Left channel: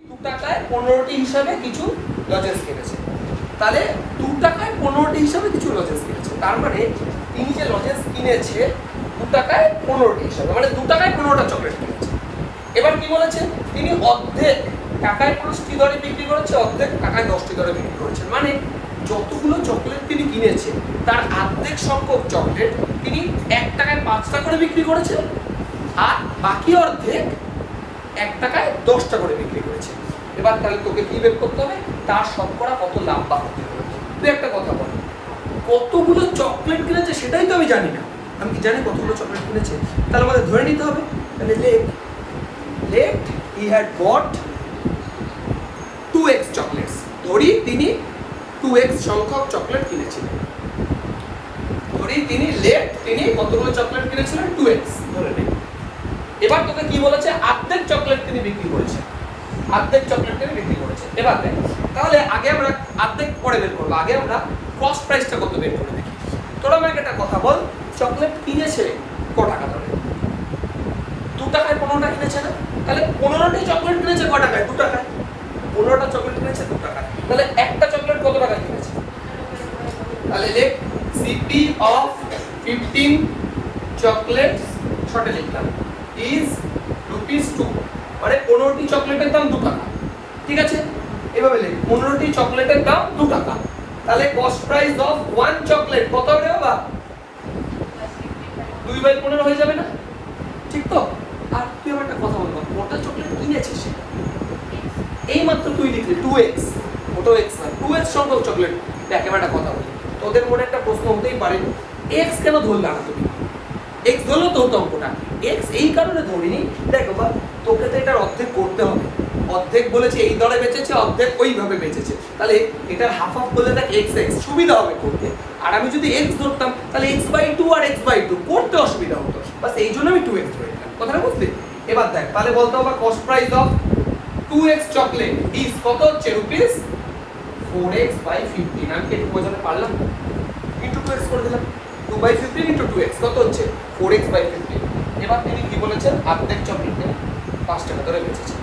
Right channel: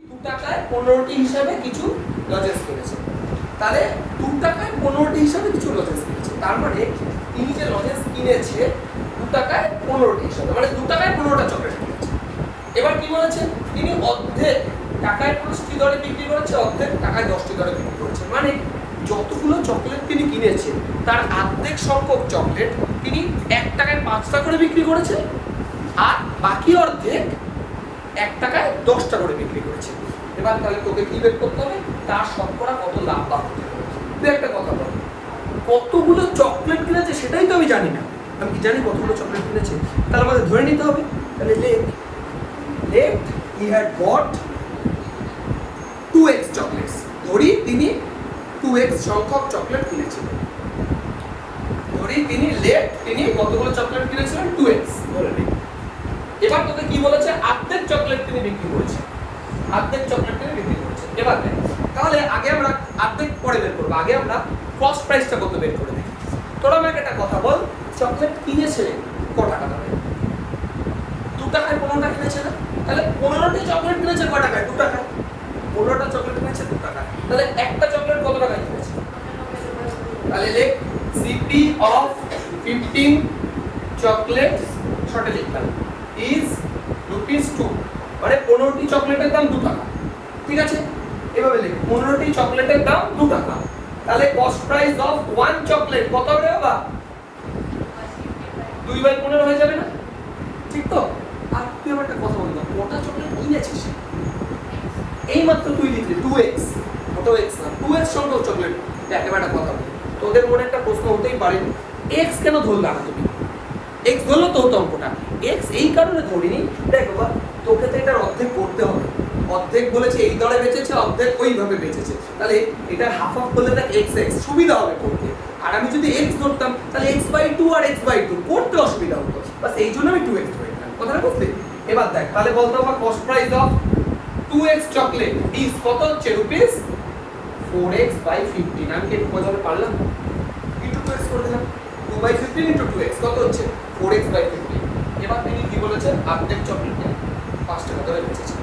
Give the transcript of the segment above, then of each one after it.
2 টাকায় 15টি হিসাবে কিছু লজেন্স কিনেছে। তাহলে 2 টাকায় 15টি হিসাবে কিছু লজেন্স কিনেছে, তার মানে তিনি যে লজেন্স কিনেছে 2 টাকায় 15টি হিসাবে, মানে 2 টাকায় 15টা চকলেট কিনেছে। এবার কি বলেছে, তিনি অর্ধেক টাকায় 5টি দরে বিক্রি করেছে, অর্ধেক টাকায় 10টি দরে বিক্রি করেছে। মানে যতগুলো চকলেট তিনি কিনেছে তার অর্ধেক সংখ্যক চকলেট তিনি 1 টাকায় 5টা করে বিক্রি করেছে, আর বাকি অর্ধেক 1 টাকায় 10টা করে বিক্রি করেছে। এবার তাহলে তোকে কি বের করতে হবে, তার শতকরা কত লাভ বা ক্ষতি হবে। তুই একটা কথা বল, কতগুলো চকলেট কিনেছে সেটাই তো আমি জানি না। আমি কি জানি কতগুলো চকলেট কিনেছে? তাহলে আমাদের ধরে নিতে হবে। তাহলে let he had bought 2x chocolates. ধরি তিনি 2x সংখ্যক চকলেট কিনেছিলেন। ধরি তিনি কতগুলো চকলেট কিনেছিলেন? 2x ধরে নিই। এবার তোকে কি বলেছে, অর্ধেক চকলেট তিনি বিক্রি করেছেন, অর্ধেক চকলেট তিনি বিক্রি করেছেন। এবার দেখ, তাহলে আগে আমরা অর্ধেক পরে বের করবো, আগে আমরা কস্ট প্রাইসটা কত বের করে দেখি। তোরা আমাকে একটা কথা বল, চকলেট কিনেছে ক টাকা দামে? 2 টাকায় 15টা কিনেছে না? তাহলে 15টি চকলেট কিনেছে ক টাকায়? 2 টাকায়। 15টা চকলেট কিনেছে 2 টাকায়। তাহলে একটা চকলেট কত টাকায় কিনেছে? তাহলে লেখ সিপি অফ 15 চকলেটস, শর্টে লিখলাম, ইজ ₹2, মানে 15টি চকলেটের দাম 2 টাকা। ঠিক আছে, এভাবে লিখ, 15টি চকলেটের দাম 2 টাকা। তাহলে কস্ট প্রাইস অফ 1 চকলেট কত হবে বাবা? 2/15 হয়ে যাবে না? ঠিক তো? আর তুই আমার একটা কথা বলবি, কটা চকলেট কিনেছিস? এই মাত্র তুই লিখলি 2x, ওটাও x না, 2x সংখ্যক চকলেট। দেখ এবার একটা কথা বলি, তোদের মনে একটা প্রশ্ন হতেই পারে, x কেন ধরলা না তুমি? x ধরলো তো হতো অঙ্কটা, x এই কারণে ধরিনি। দেখ বাবা, তোকে তো এটার অর্ধেক করতে হবে। অর্ধেক বলেছে এই দরে বেচেছে, অর্ধেক ওইভাবে বেচেছে, তাহলে এটার হাফ হাফ করলে দেখ x সুবিধা হবে করতে। আর আমি যদি x ধরতাম তাহলে x/2 আর x/2 করতে অসুবিধা হতো, বাস এই জন্য আমি 2x ধরে নিলাম। কথাটা বুঝলি? এবার দেখ, তাহলে বলতে হবে cost price of 2x chocolate is কত হচ্ছে? ₹4x/15। আমি কি একটু বোঝাতে পারলাম? ইন্টু 2x করে দিলাম, 2/15 ইন্টু 2x কত হচ্ছে? 4x/15। এবার তিনি কি বলেছেন, অর্ধেক চকলেটে 5 টাকা ধরে বেচেছেন,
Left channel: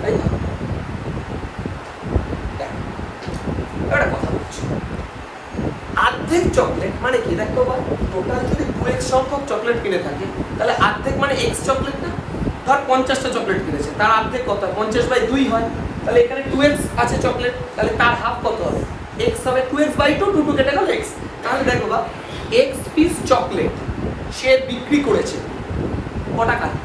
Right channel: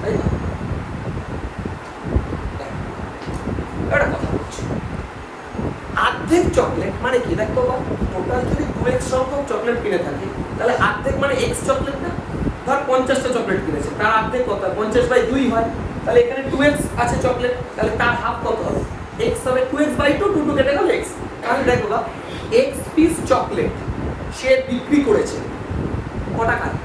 তাই না? একটা কথা বলছি, অর্ধেক চকলেট মানে কি? দেখ বাবা, টোটাল যদি 2x সংখ্যক চকলেট কিনে থাকে তাহলে অর্ধেক মানে x চকলেট না? ধর 50টা চকলেট কিনেছে, তার অর্ধেক কত? 50/2 হয়। তাহলে এখানে 2x আছে চকলেট, তাহলে তার হাফ কত হবে? x হবে 2x/2, 2 কেটে গেল x। তাহলে দেখো বাবা, x পিস চকলেট সে বিক্রি করেছে ক টাকায়?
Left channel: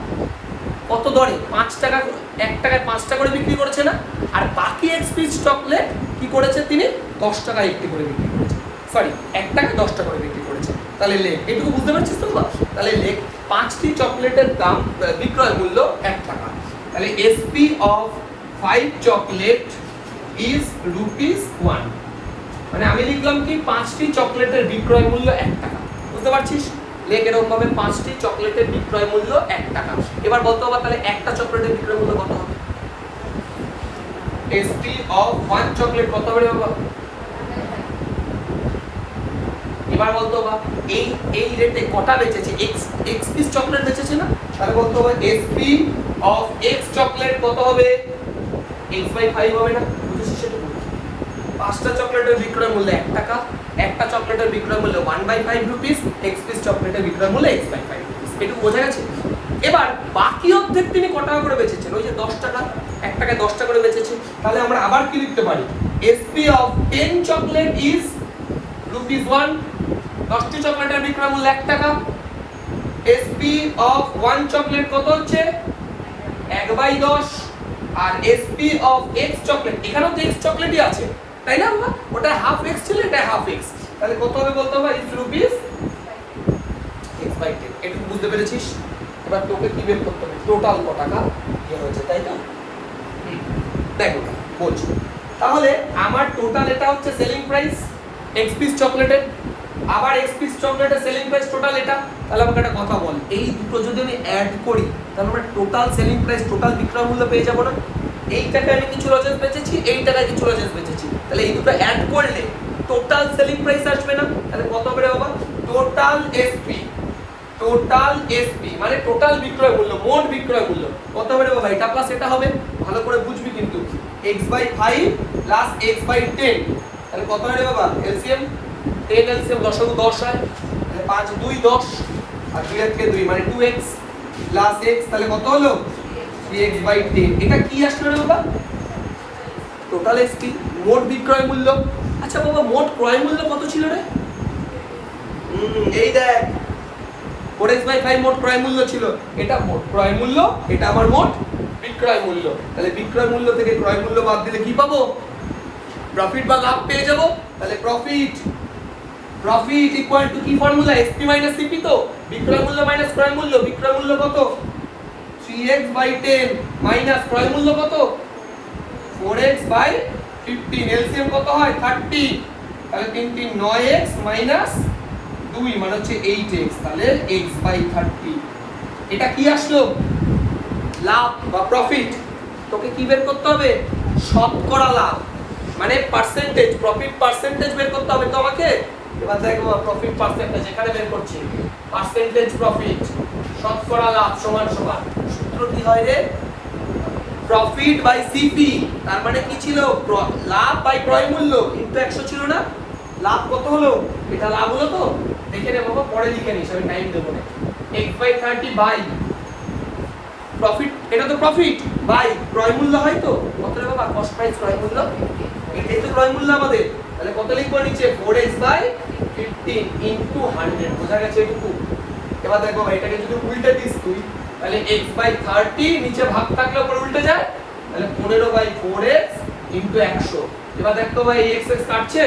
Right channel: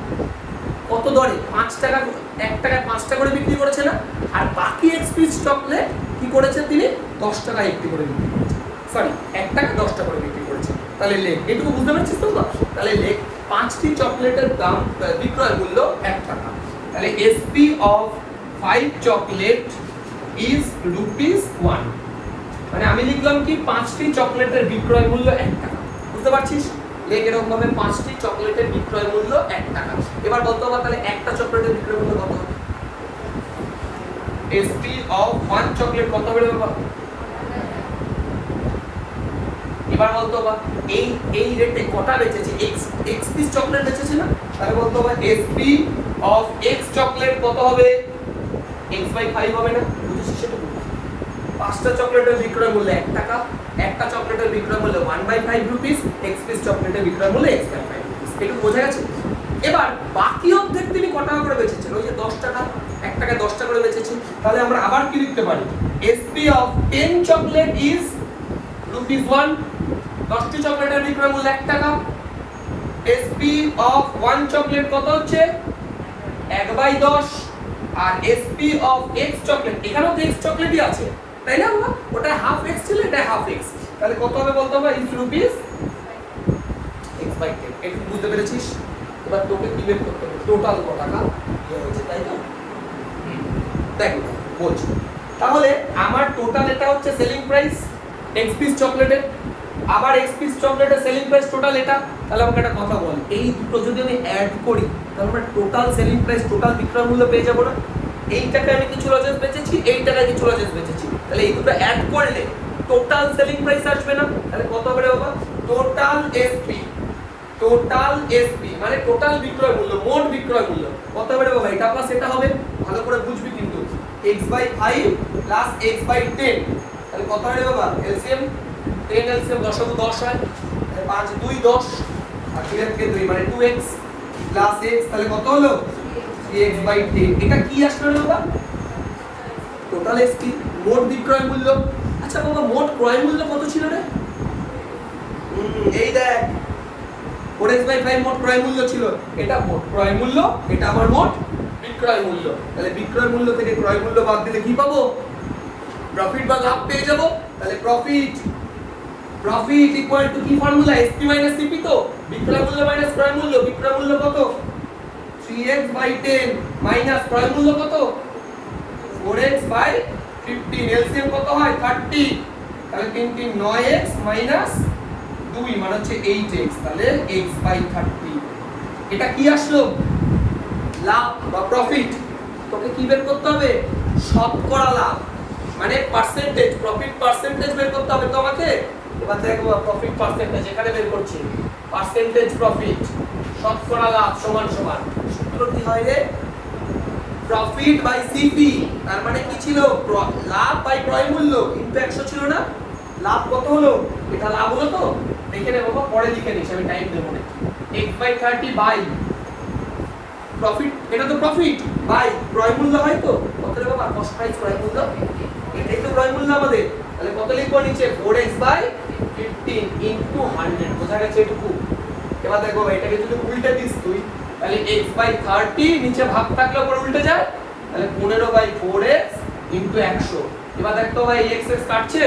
কত দরে? 5 টাকা, 1 টাকায় 5টা করে বিক্রি করেছে না? আর বাকি x পিস চকলেট কি করেছে তিনি? 10 টাকায় একটি করে বিক্রি করেছে, সরি 1 টাকা 10টা করে বিক্রি করেছে। তাহলে লেখ, এটুকু বুঝতে পারছিস তো? তাহলে লেখ 5টি চকলেটের দাম বিক্রয় মূল্য 1 টাকা। তাহলে এসপি অফ 5 চকলেট ইজ ₹1। মানে আমি লিখলাম কি, 5টি চকলেটের বিক্রয় মূল্য 1 টাকা। বুঝতে পারছিস? লেখ এরকম ভাবে 5টি চকলেটের বিক্রয় মূল্য 1 টাকা। এবার বলতে হবে তাহলে একটা চকলেটের বিক্রয় মূল্য কত হবে? এসপি অফ 1 চকলেট কত হবে বাবা? এবার বলতে হবে এই রেটে কটা বেচেছে? x পিস চকলেট বেচেছে না? তাহলে বলতে হবে এসপি অফ x চকলেট কত হবে? x/5 হবে না? বুঝছিস সেটা? 5টা চকলেটের বিক্রয় মূল্য 1 টাকা, একটা চকলেটের বিক্রয় মূল্য 1/5 রুপিস, x পিস চকলেটের বিক্রয় মূল্য x/5 রুপিস। এটুকু বোঝা গেছে? এবার বাকি অর্ধেক তিনি কত টাকা করে বেচেছেন? ওই যে 10 টাকা, 1 টাকায় 10টা করে বেচেছে। তাহলে আমরা আবার কি লিখতে পারি? SP of 10 chocolate is ₹1। 10টি চকলেটের বিক্রয় মূল্য 1 টাকা। এসপি অফ 1 চকলেট কত হচ্ছে? 1/10। আর এসপি অফ x চকলেট, এখানেও তো x চকলেটই আছে, তাই না বাবা? ওটা হাফ x ছিল, এটা হাফ x। তাহলে কত হবে বলতে হবে? Is ₹x/10। একটু বুঝতে পেরেছিস? এবার তোকে কি বের করতে হবে? টোটাল কত টাকা হয়েছে, তাই তো? দেখো বোঝ, তাহলে আমার টোটাল এটা হচ্ছে সেলিং প্রাইস x পিস চকলেটের, আবার x পিস চকলেটের সেলিং প্রাইস টোটাল এটা। তাহলে আমাকে একটা কথা বল, এই দুটো যদি আমি অ্যাড করি তাহলে আমরা টোটাল সেলিং প্রাইস, টোটাল বিক্রয় মূল্য পেয়ে যাব না? এই টাকায় আমি কিছু লজেন্স বেচেছি, এই টাকায় কিছু লজেন্স বেচেছি, তাহলে এই দুটো অ্যাড করলে টোটাল সেলিং প্রাইস আসবে না? তাহলে কত হবে রে বাবা? টোটাল এসপি মানে টোটাল বিক্রয় মূল্য, মোট বিক্রয় মূল্য কত হবে রে বাবা এটা প্লাস এটা হবে, ভালো করে বুঝবি কিন্তু। x/5 প্লাস x/10 তাহলে কত হয় রে বাবা? এলসিএম 10 এলসিএম 10 × 10 হয়, 5 2 10 আর 2 এর থেকে 2 মানে 2x প্লাস x তাহলে কত হলো? 3x/10। এটা কি আসলে রে বাবা? টোটাল এসপি, মোট বিক্রয় মূল্য। আচ্ছা বাবা মোট ক্রয় মূল্য কত ছিল রে? এই দেখ 4x/5 মোট ক্রয় মূল্য ছিল, এটা মোট ক্রয় মূল্য, এটা আমার মোট বিক্রয় মূল্য। তাহলে বিক্রয় মূল্য থেকে ক্রয় মূল্য বাদ দিলে কি পাবো? প্রফিট বা লাভ পেয়ে যাব। তাহলে প্রফিট ইকুয়াল টু কি ফর্মুলা? SP minus CP. তো বিক্রয় মূল্য মাইনাস ক্রয় মূল্য, বিক্রয় মূল্য কত? 3x/10 মাইনাস ক্রয় মূল্য কত? 4x/15। এলসিএম কত হয়? 30। তাহলে 3 3 9x মাইনাস 2 মানে হচ্ছে 8x, তাহলে x/30। এটা কি আসলো? লাভ বা প্রফিট। তোকে কি বের করতে হবে? শতকরা লাভ মানে পার্সেন্টেজ, প্রফিট পার্সেন্টেজ বের করতে হবে তো আমাকে। এবার দেখো প্রফিট পার্সেন্টেজ এখানে বের করছি, পার্সেন্টেজ প্রফিট শতকরা লাভ সমান সমান সূত্র কি হয় রে? Profit by CP. তার মানে কি ছিল? লাভ বাই ক্রয় মূল্য ইনটু 100 ছিল না? লাভ কত হলো? এটা লাভ হলো তো, দেখে নে বাবা, পরে লিখে নিস, আমি টাইম দেব না। x/30 বাই প্রফিট, এটা তো প্রফিট বাই ক্রয় মূল্য হয় তো কত রে বাবা? কস্ট প্রাইস ক্রয় মূল্য, এটাই তো ক্রয় মূল্য আমাদের। তাহলে কত লিখবো নিচে? 4x/15 into 100। বোঝা গেছে এটুকু? এবার দেখো এটাকে যদি উল্টে দিস তুই, তাহলে x/30 নিচে ভাগ থাকলে উপরে উল্টে যায়, তাহলে 15/4x ইনটু 100। এবার দেখো ভাই এই x কাটছে,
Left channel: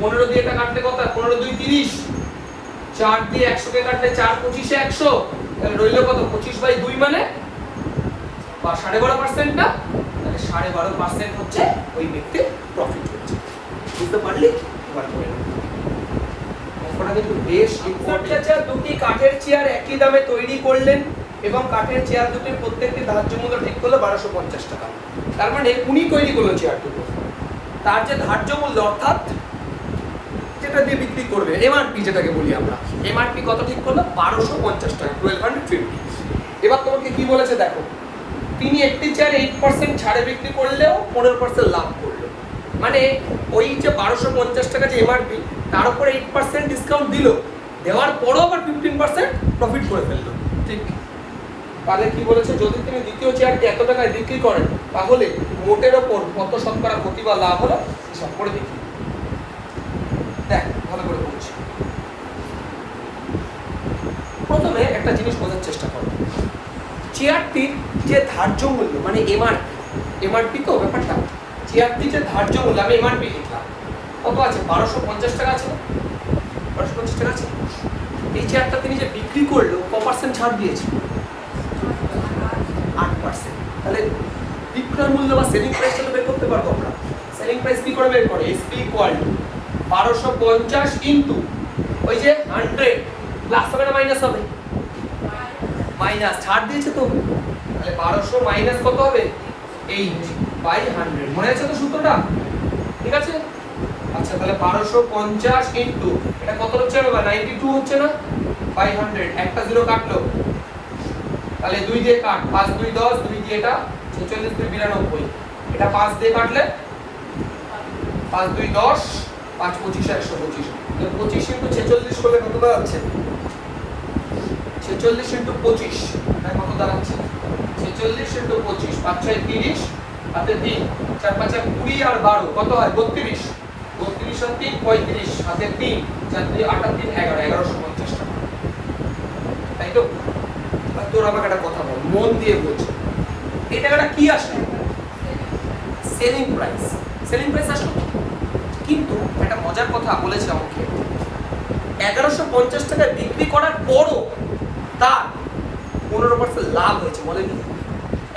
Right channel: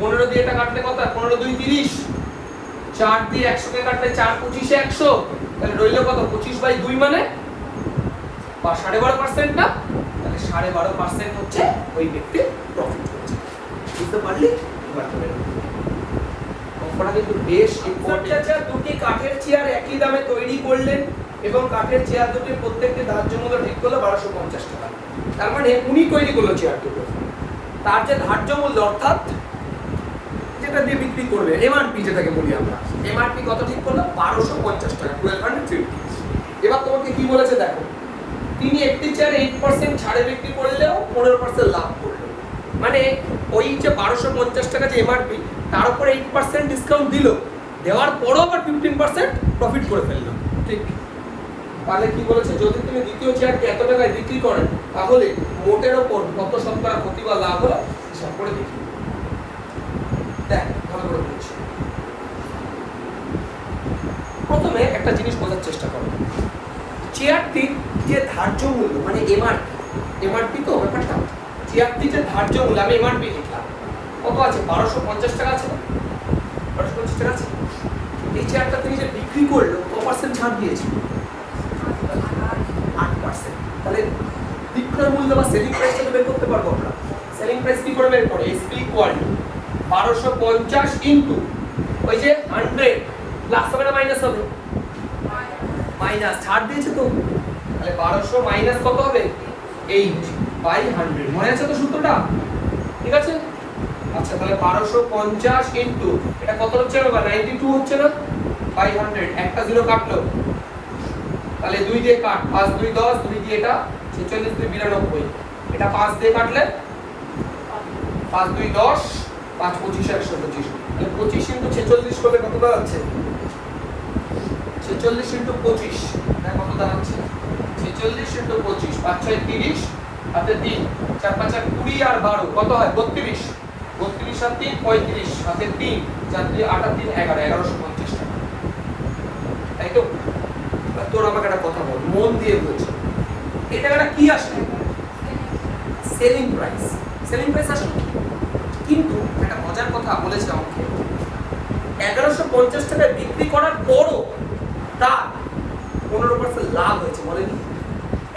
15 দিয়ে এটা কাটলে কত? 15 2 30, 4 দিয়ে 100 কে কাটলে 4 25 100, তাহলে রইল কত? 25/2 মানে 12.5% না? তাহলে 12.5% হচ্ছে ওই ব্যক্তির প্রফিট হচ্ছে। বুঝতে পারলি? এবার করে নাও। অঙ্কটা কিন্তু বেশ ইম্পর্টেন্ট। আচ্ছা দুটি কাঠের চেয়ার একই দামে তৈরি করলেন এবং কাঠের চেয়ার দুটির প্রত্যেকটি ধার্য মূল্য ঠিক করলো 1250 টাকা। তার মানে উনি তৈরি করলো চেয়ার দুটো, তার যে ধার্য মূল্য অর্থাৎ যেটা দিয়ে বিক্রি করবে এমআরপি যেটাকে বলি আমরা, এমআরপি কত ঠিক করলো? 1250 টাকা, 1250। এবার তোমাকে কি বলেছে দেখো, তিনি একটি চেয়ার 8% ছাড়ে বিক্রি করলেও 15% লাভ করলো। মানে ওই যে 1250 টাকা যে এমআরপি তার উপরে 8% ডিসকাউন্ট দিল, দেওয়ার পরও আবার 15% প্রফিট করে ফেললো। ঠিক, তাহলে কি বলেছে? যদি তুমি দ্বিতীয় চেয়ারটি এত টাকায় বিক্রি করেন তাহলে মোটের ওপর কত শতকরা ক্ষতি বা লাভ হলো হিসাব করে দেখি। দেখ ভালো করে বলছি, প্রথমে একটা জিনিস বোঝার চেষ্টা করো। চেয়ারটির যে ধার্য মূল্য মানে এমআরপি তো ব্যাপারটা, চেয়ারটির যে ধার্য মূল্য আমি এমআরপি লিখলাম কত আছে? 1250 টাকা আছে না? 1250 টাকা আছে। এই চেয়ারটা তিনি যে বিক্রি করলো ক% ছাড় দিয়েছে? 8%। তাহলে বিক্রয় মূল্য বা সেলিং প্রাইসটা তো বের করতে পারবো আমরা। সেলিং প্রাইস কি করে বের করে? এসপি ইকুয়াল টু 1250 ইনটু ওই যে 100 প্লাস হবে না মাইনাস হবে? মাইনাস, ছাড় দিয়েছে তো, তাহলে 1200 মাইনাস কত হবে? 8/100। মনে আছে তো সূত্রটা? ঠিক আছে। আচ্ছা তাহলে 1250 ইনটু এটা কত হচ্ছে বাবা? 92 হচ্ছে না? বাই 100, একটা জিরো কাটলো, তাহলে 2 দিয়ে কাট, 5 2 10, 2 দিয়ে এটা 46 2 92, এটা 5 দিয়ে কাটলে 5 2 10, 5 25 125, তাহলে 25 ইনটু 46 করলে কত দাঁড়াচ্ছে? 46 ইনটু 25 তাই কত দাঁড়াচ্ছে? 46 ইনটু 25, 5 6 30, হাতে 3, 4 5 20 আর 12 কত হয়? 32, 32 আর 3 35, হাতে 3, 4 3 8 আর 3 11, 1150 টাকা। তাই তো? তোর আমাকে একটা কথা বল, মন দিয়ে বলছো, এই টাকাটা কি আসলে? Selling price. সেলিং প্রাইস আসলে কিন্তু একটা মজার কথা বলেছে আমাকে, 1150 টাকায় বিক্রি করার পরও তার 15% লাভ হয়েছে। বলেনি?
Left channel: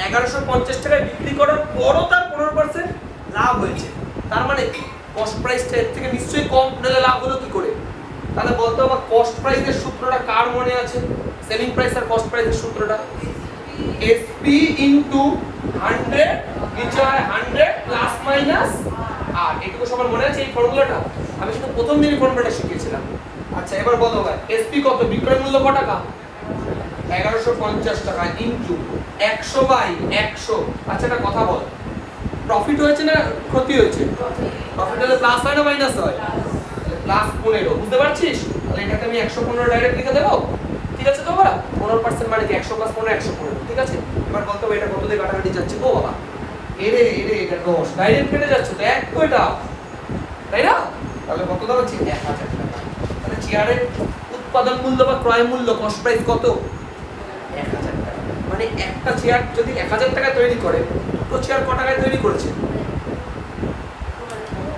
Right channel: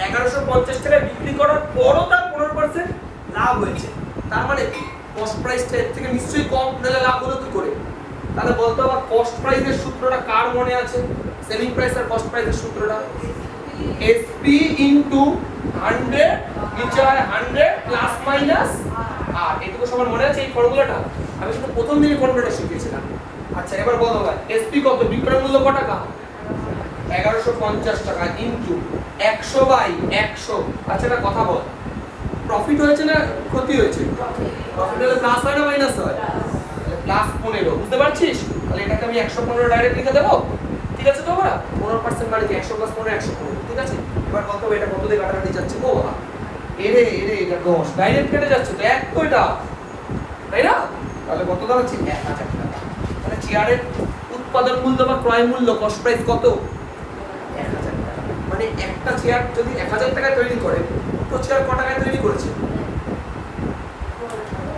1150 টাকায় বিক্রি করার পরও তার 15% লাভ হয়েছে। তার মানে কি? কস্ট প্রাইসটা এর থেকে নিশ্চয়ই কম নিলে লাভ হলো কি করে? তাহলে বলতো আবার কস্ট প্রাইসের সূত্রটা কার মনে আছে? সেলিং প্রাইস আর কস্ট প্রাইসের সূত্রটা এসপি ইনটু 100, নিচে হয় 100 প্লাস মাইনাস আর এটুকু সবার মনে আছে এই ফর্মুলাটা? আমি শুধু প্রথম দিনই ফর্মুলাটা শিখিয়েছিলাম। আচ্ছা এবার বলো ভাই এসপি কত? বিক্রয় মূল্য কত টাকা? 1150 টাকা ইনটু 100/100। আচ্ছা একটা কথা বল, প্রফিট হয়েছে না ক্ষতি হয়েছে? প্রফিট হলে প্লাস হয় না মাইনাস হয়? তাহলে প্লাস 15, বুঝতে পারছিস? তাহলে এটাকে আমি 115 ডাইরেক্ট লিখে দেবো, ঠিক আছে তো বাবা? 15% মানে কি 100 + 15 115, ঠিক আছে? এবার বলতে হবে এটা কত দিয়ে কাটাকাটি যাচ্ছে গো বাবা? এরে এটা 10 ডাইরেক্ট কেটে যাচ্ছে তো, এক তো এটা, তাই না? তাহলে কত দাম হচ্ছে 1000 টাকা। তাহলে চেয়ারের উৎপাদন মূল্য বা ক্রয় মূল্য কস্ট প্রাইস কত? 1000 টাকা। মানে একটা চেয়ার যদি 1000 টাকায় তৈরি করে, তো চেয়ার কত টাকায় তৈরি করেছে?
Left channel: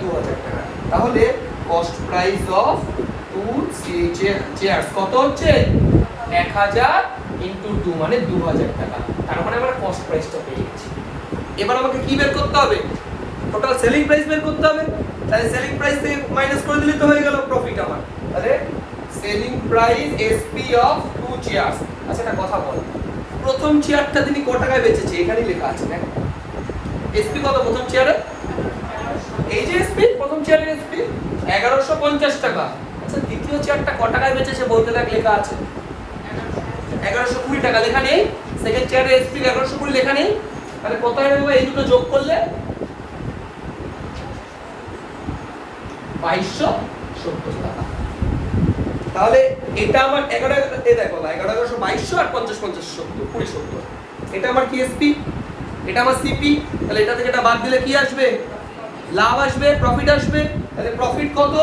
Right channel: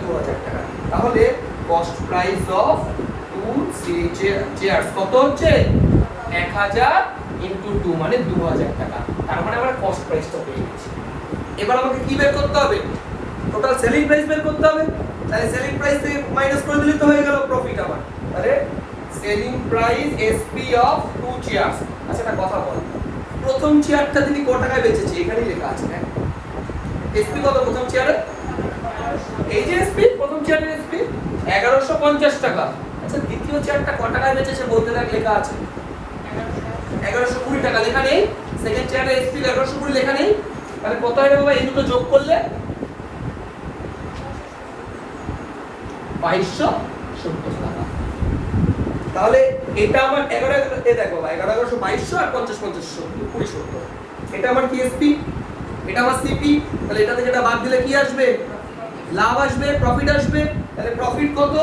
2000 টাকা। তাহলে কস্ট প্রাইস অফ 2 চেয়ারস কত হচ্ছে? 1000 * 2 মানে 2000 টাকা। তার মানে আমরা কস্ট প্রাইসটা পেয়ে গেছি। এবার আমাকে কি বের করতে হবে? টোটাল সেলিং প্রাইস বের করতে হবে। তাহলে সেলিং প্রাইস থেকে মাইনাস করে দিলেই তো হয়ে গেল প্রফিট আমার। তাহলে selling price SP of 2 chairs. আচ্ছা একটা কথা বল, প্রথম চেয়ারটা তিনি কত টাকায় বেচেছে? এখানেই লেখা আছে না? এসপি কত প্রথম চেয়ারে? এই যে এসপি, প্রথম চেয়ারের এসপি 1150 টাকা। আচ্ছা দ্বিতীয় চেয়ারটা কত টাকায় বেচেছে বলতে দেখ, লেখা আছে 1120 টাকা, লেখা নেই? সেকেন্ড চেয়ারের এসপি 1120 লেখা নেই? তাহলে কত হবে বাবা এই দুটো যোগ করলে? 2270 টাকা। তাহলে এটা আমার 11 এ দেখো বাবা, 1122 আর 50 50 70 20 70। এটা আমার কি এসপি, এটা আমার সিপি। তাহলে এটা থেকে এটা বাদ দিলে কি আসবে? লাভ আসবে, প্রফিট আসবে। তাহলে প্রফিট কত?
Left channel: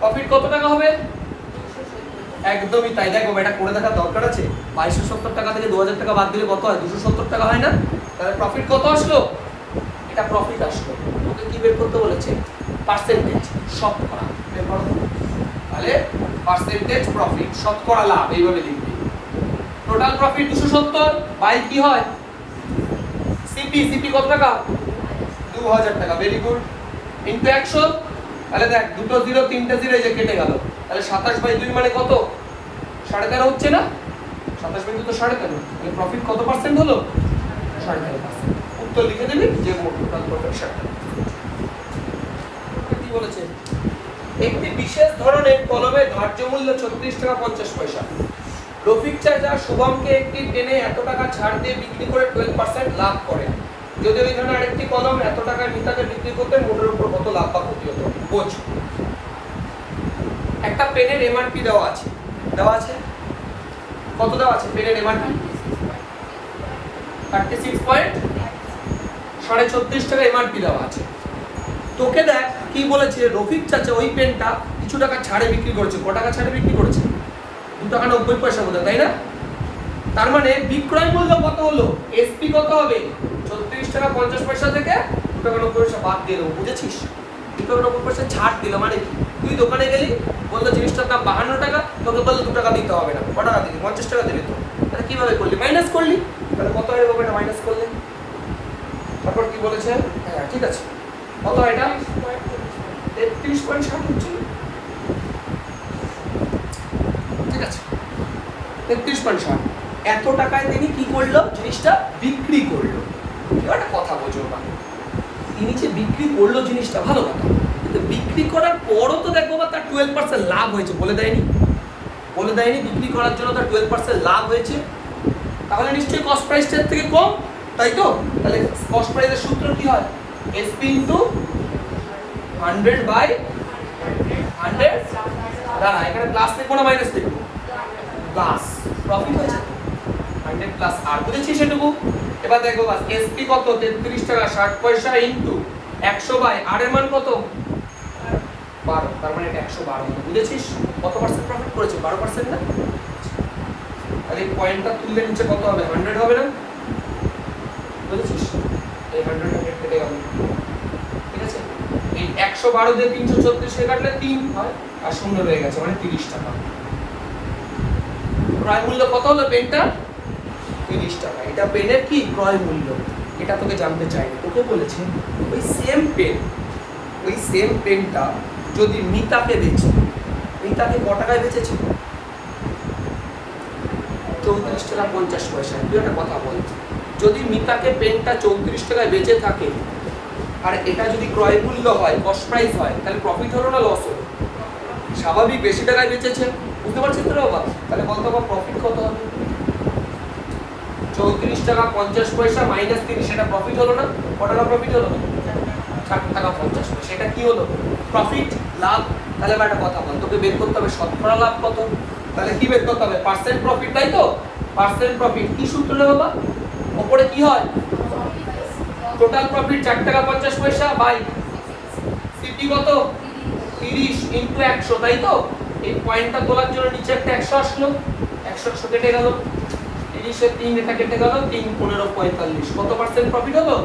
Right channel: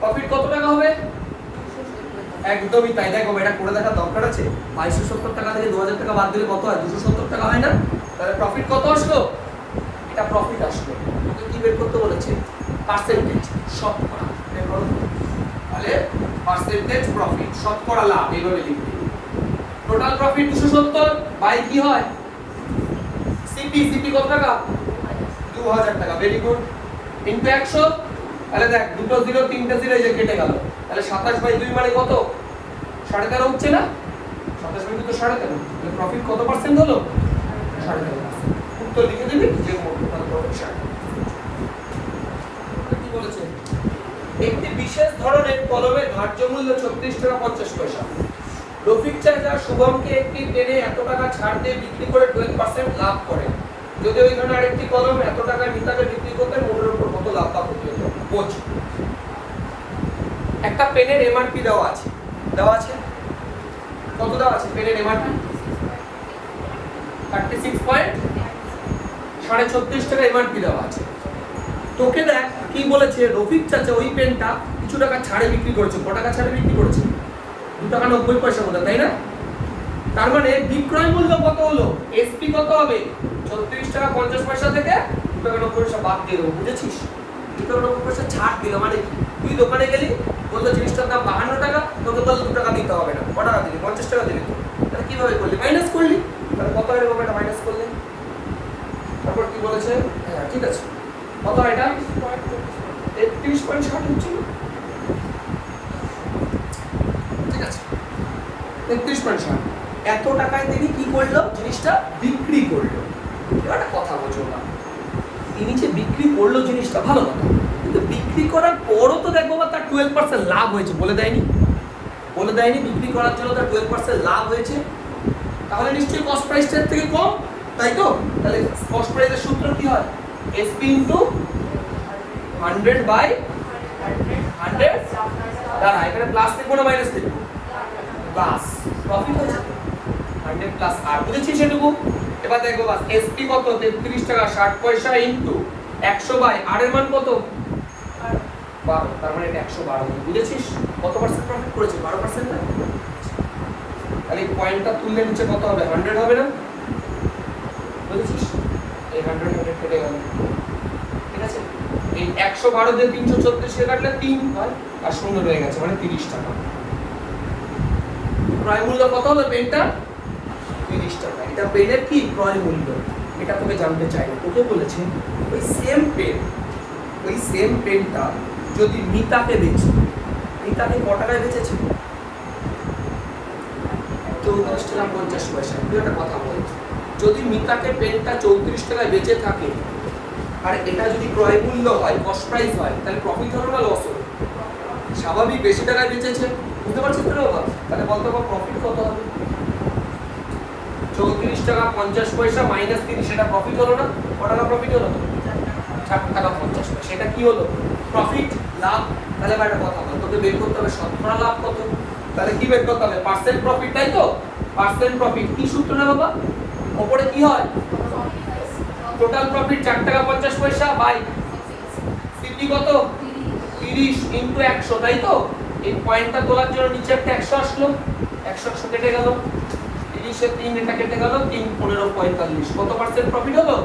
প্রফিট কত টাকা হবে? একদমই তাই। দেখো এটা করে দেখার দরকার আছে। 2270 টাকা থেকে 2000 টাকা বাদ দিলে কত হয়? 270 টাকা হয় না? তাহলে প্রফিট কত আসলো? এটা প্রফিট আসলো। ওকে কি বের করতে বলেছে? পার্সেন্টেজ, শতকরা বের করো। তাহলে পার্সেন্টেজ প্রফিট, শতকরা লাভ, এইভাবে লিখবি। টোটাল প্রফিট 270 বাই কি হয়? সিপি কত টাকা? 2000 টাকা। Very good. ইনটু 100। তাহলে দেখ দুটো 0 তিনটা 0 এই যে কেটে গেল। তাহলে 27/2 মানে কত? 13.5 হচ্ছে না? 27/2 তো 13.5। তাহলে প্রফিট কত পার্সেন্ট হলো? 13.5%। উত্তর লিখে দিবি যে টোটাল প্রফিট। কি বলেছে? একটি বিশেষ ধরনের কলমের ধার্য মূল্য 36 টাকা 50 পয়সা। রফিক চায় যা শুভমকে একটি পেনে এত টাকা ছাড় দিয়ে বিক্রি করে 12% লাভ করে। যদি ওই ধরনের আরেকটি কলম এত টাকায় মিতাকে বিক্রি করতে, মূল্যের উপর কত লাভ বা ক্ষতি হতো? বোঝ। একটা পেনের এমআরপি দেওয়া আছে, কত দেওয়া আছে পেনের এমআরপি? 36.36 টাকা এমআরপি দেওয়া আছে। তোকে দেখ কি বলেছে, রফিক চাচা ওই পেনটা কিছু টাকা ছাড়ে বিক্রি করেছে। কত টাকা ছাড়ে বিক্রি করেছে? 2 টাকা 90 পয়সা বোধ, তাই না? তার মানে বিক্রয় মূল্য কত হলো? এসপি কত হবে? 36 টাকা 50 পয়সা থেকে 2 টাকা 90 পয়সা বাদ দিয়ে দেবো, বুঝেছিস? 2 টাকা 90 পয়সা ছাড় দিল মানে তুই দোকানে গেলি, বললো জিনিসটার দাম 52 টাকা, তোকে বললো 2 টাকা দিতে হবে না। কত টাকা দিলি? 50 টাকা দিলি। তো তাহলে কিভাবে করলি? মাইনাস করলি। তাহলে কত হয়ে যাবে এটা মাইনাস করলে? তারপর কি বলেছে? হ্যাঁ ঠিক আছে, কত এটা? 33.60 হচ্ছে, ঠিক আছে 33.60। এত টাকায় তিনি কি করলো? জিনিসটা বিক্রি করলো। এবার একটা কথা বোঝো না, তিনি যে বিক্রি করলো জিনিসটা ভালো কথা, কিন্তু বিক্রি করার পরও তো দেখবো বা তার 12% লাভ হয়েছে, বলে দেয়নি? বিক্রি করার জন্য তার 12% লাভ হয়েছে। তাহলে নিশ্চয়ই কস্ট প্রাইসটার থেকে কম, তাই তো? তাহলে কস্ট প্রাইসের সূত্র কি হয়? SP into 100/100। দাঁড়া, এখানে প্লাস লিখবো না মাইনাস লিখবো? প্লাস। প্রফিট হয়েছে 100 প্লাস আর, বুঝেছিস সেটুকু? এবার দেখবো বাস এসপি কত? 33 টাকা 60 পয়সা ইনটু 100 বাই আর এর মান কত? 12। তার মানে এটা 112 হলো, বুঝেছিস? কত পার্সেন্ট প্রফিট করেছে? 12% না? তাহলে এই পয়েন্টটা তুললে নিচে কত হবে? 100 হবে না? বুঝেছিস? এই 100 কেটে গেল, ঠিক আছে? এই 112 দিয়ে 336 কে কাটলে 3 হয় আর 0 রয়ে গেছে, মানে 30 টাকা। ক্রয় মূল্য কত হলো পেনটা? 30 টাকা। এটা পেনের কি ক্রয় মূল্য, এটা তোকে জানতে চাই না। তোকে বলেছে ওই সেম পেনটা যদি মিতাকে বেচে, মিতাকে ক টাকায় বেচেছে? 34 টাকা 50 পয়সা। তুই একটা কথা বল, যদি মিতাকে পেনটা 34 টাকায় বেচে থাকে আর এটা যদি ক্রয় মূল্য হয়, কস্ট প্রাইস হয়, তাহলে প্রফিট হলো না লস হলো? স্বাভাবিক, বেশি টাকায় বেচেছে, বুঝতে পারছিস তো বাবা? তাহলে বলতো বাবা প্রফিট কত হবে? 34 টাকা 50 পয়সা মাইনাস 30, সেটা প্রফিট হলো না? কত টাকা প্রফিট হলো? 4 টাকা 50 পয়সা। এটা কি হলো? প্রফিট, লাভ। তাহলে আমার একটা কথা বল, তোকে বের করতে হবে শতকরা লাভ কত। তাহলে কি বের করতে হবে? পার্সেন্ট প্রফিট, তাই তো? পার্সেন্ট প্রফিট কি সূত্র না বাবা? উপরে কি হয়? টোটাল প্রফিট 4 টাকা 50 পয়সা বাই সিপি কত? 30 ইনটু 100, তাই তো? এই পয়েন্টটা তোলার জন্য নিচে একটা 100 আসলো, 100 কেটে গেল, 30 এর 3 এটা কেটে গেল, 3 15 45। কত পার্সেন্ট প্রফিট হলো?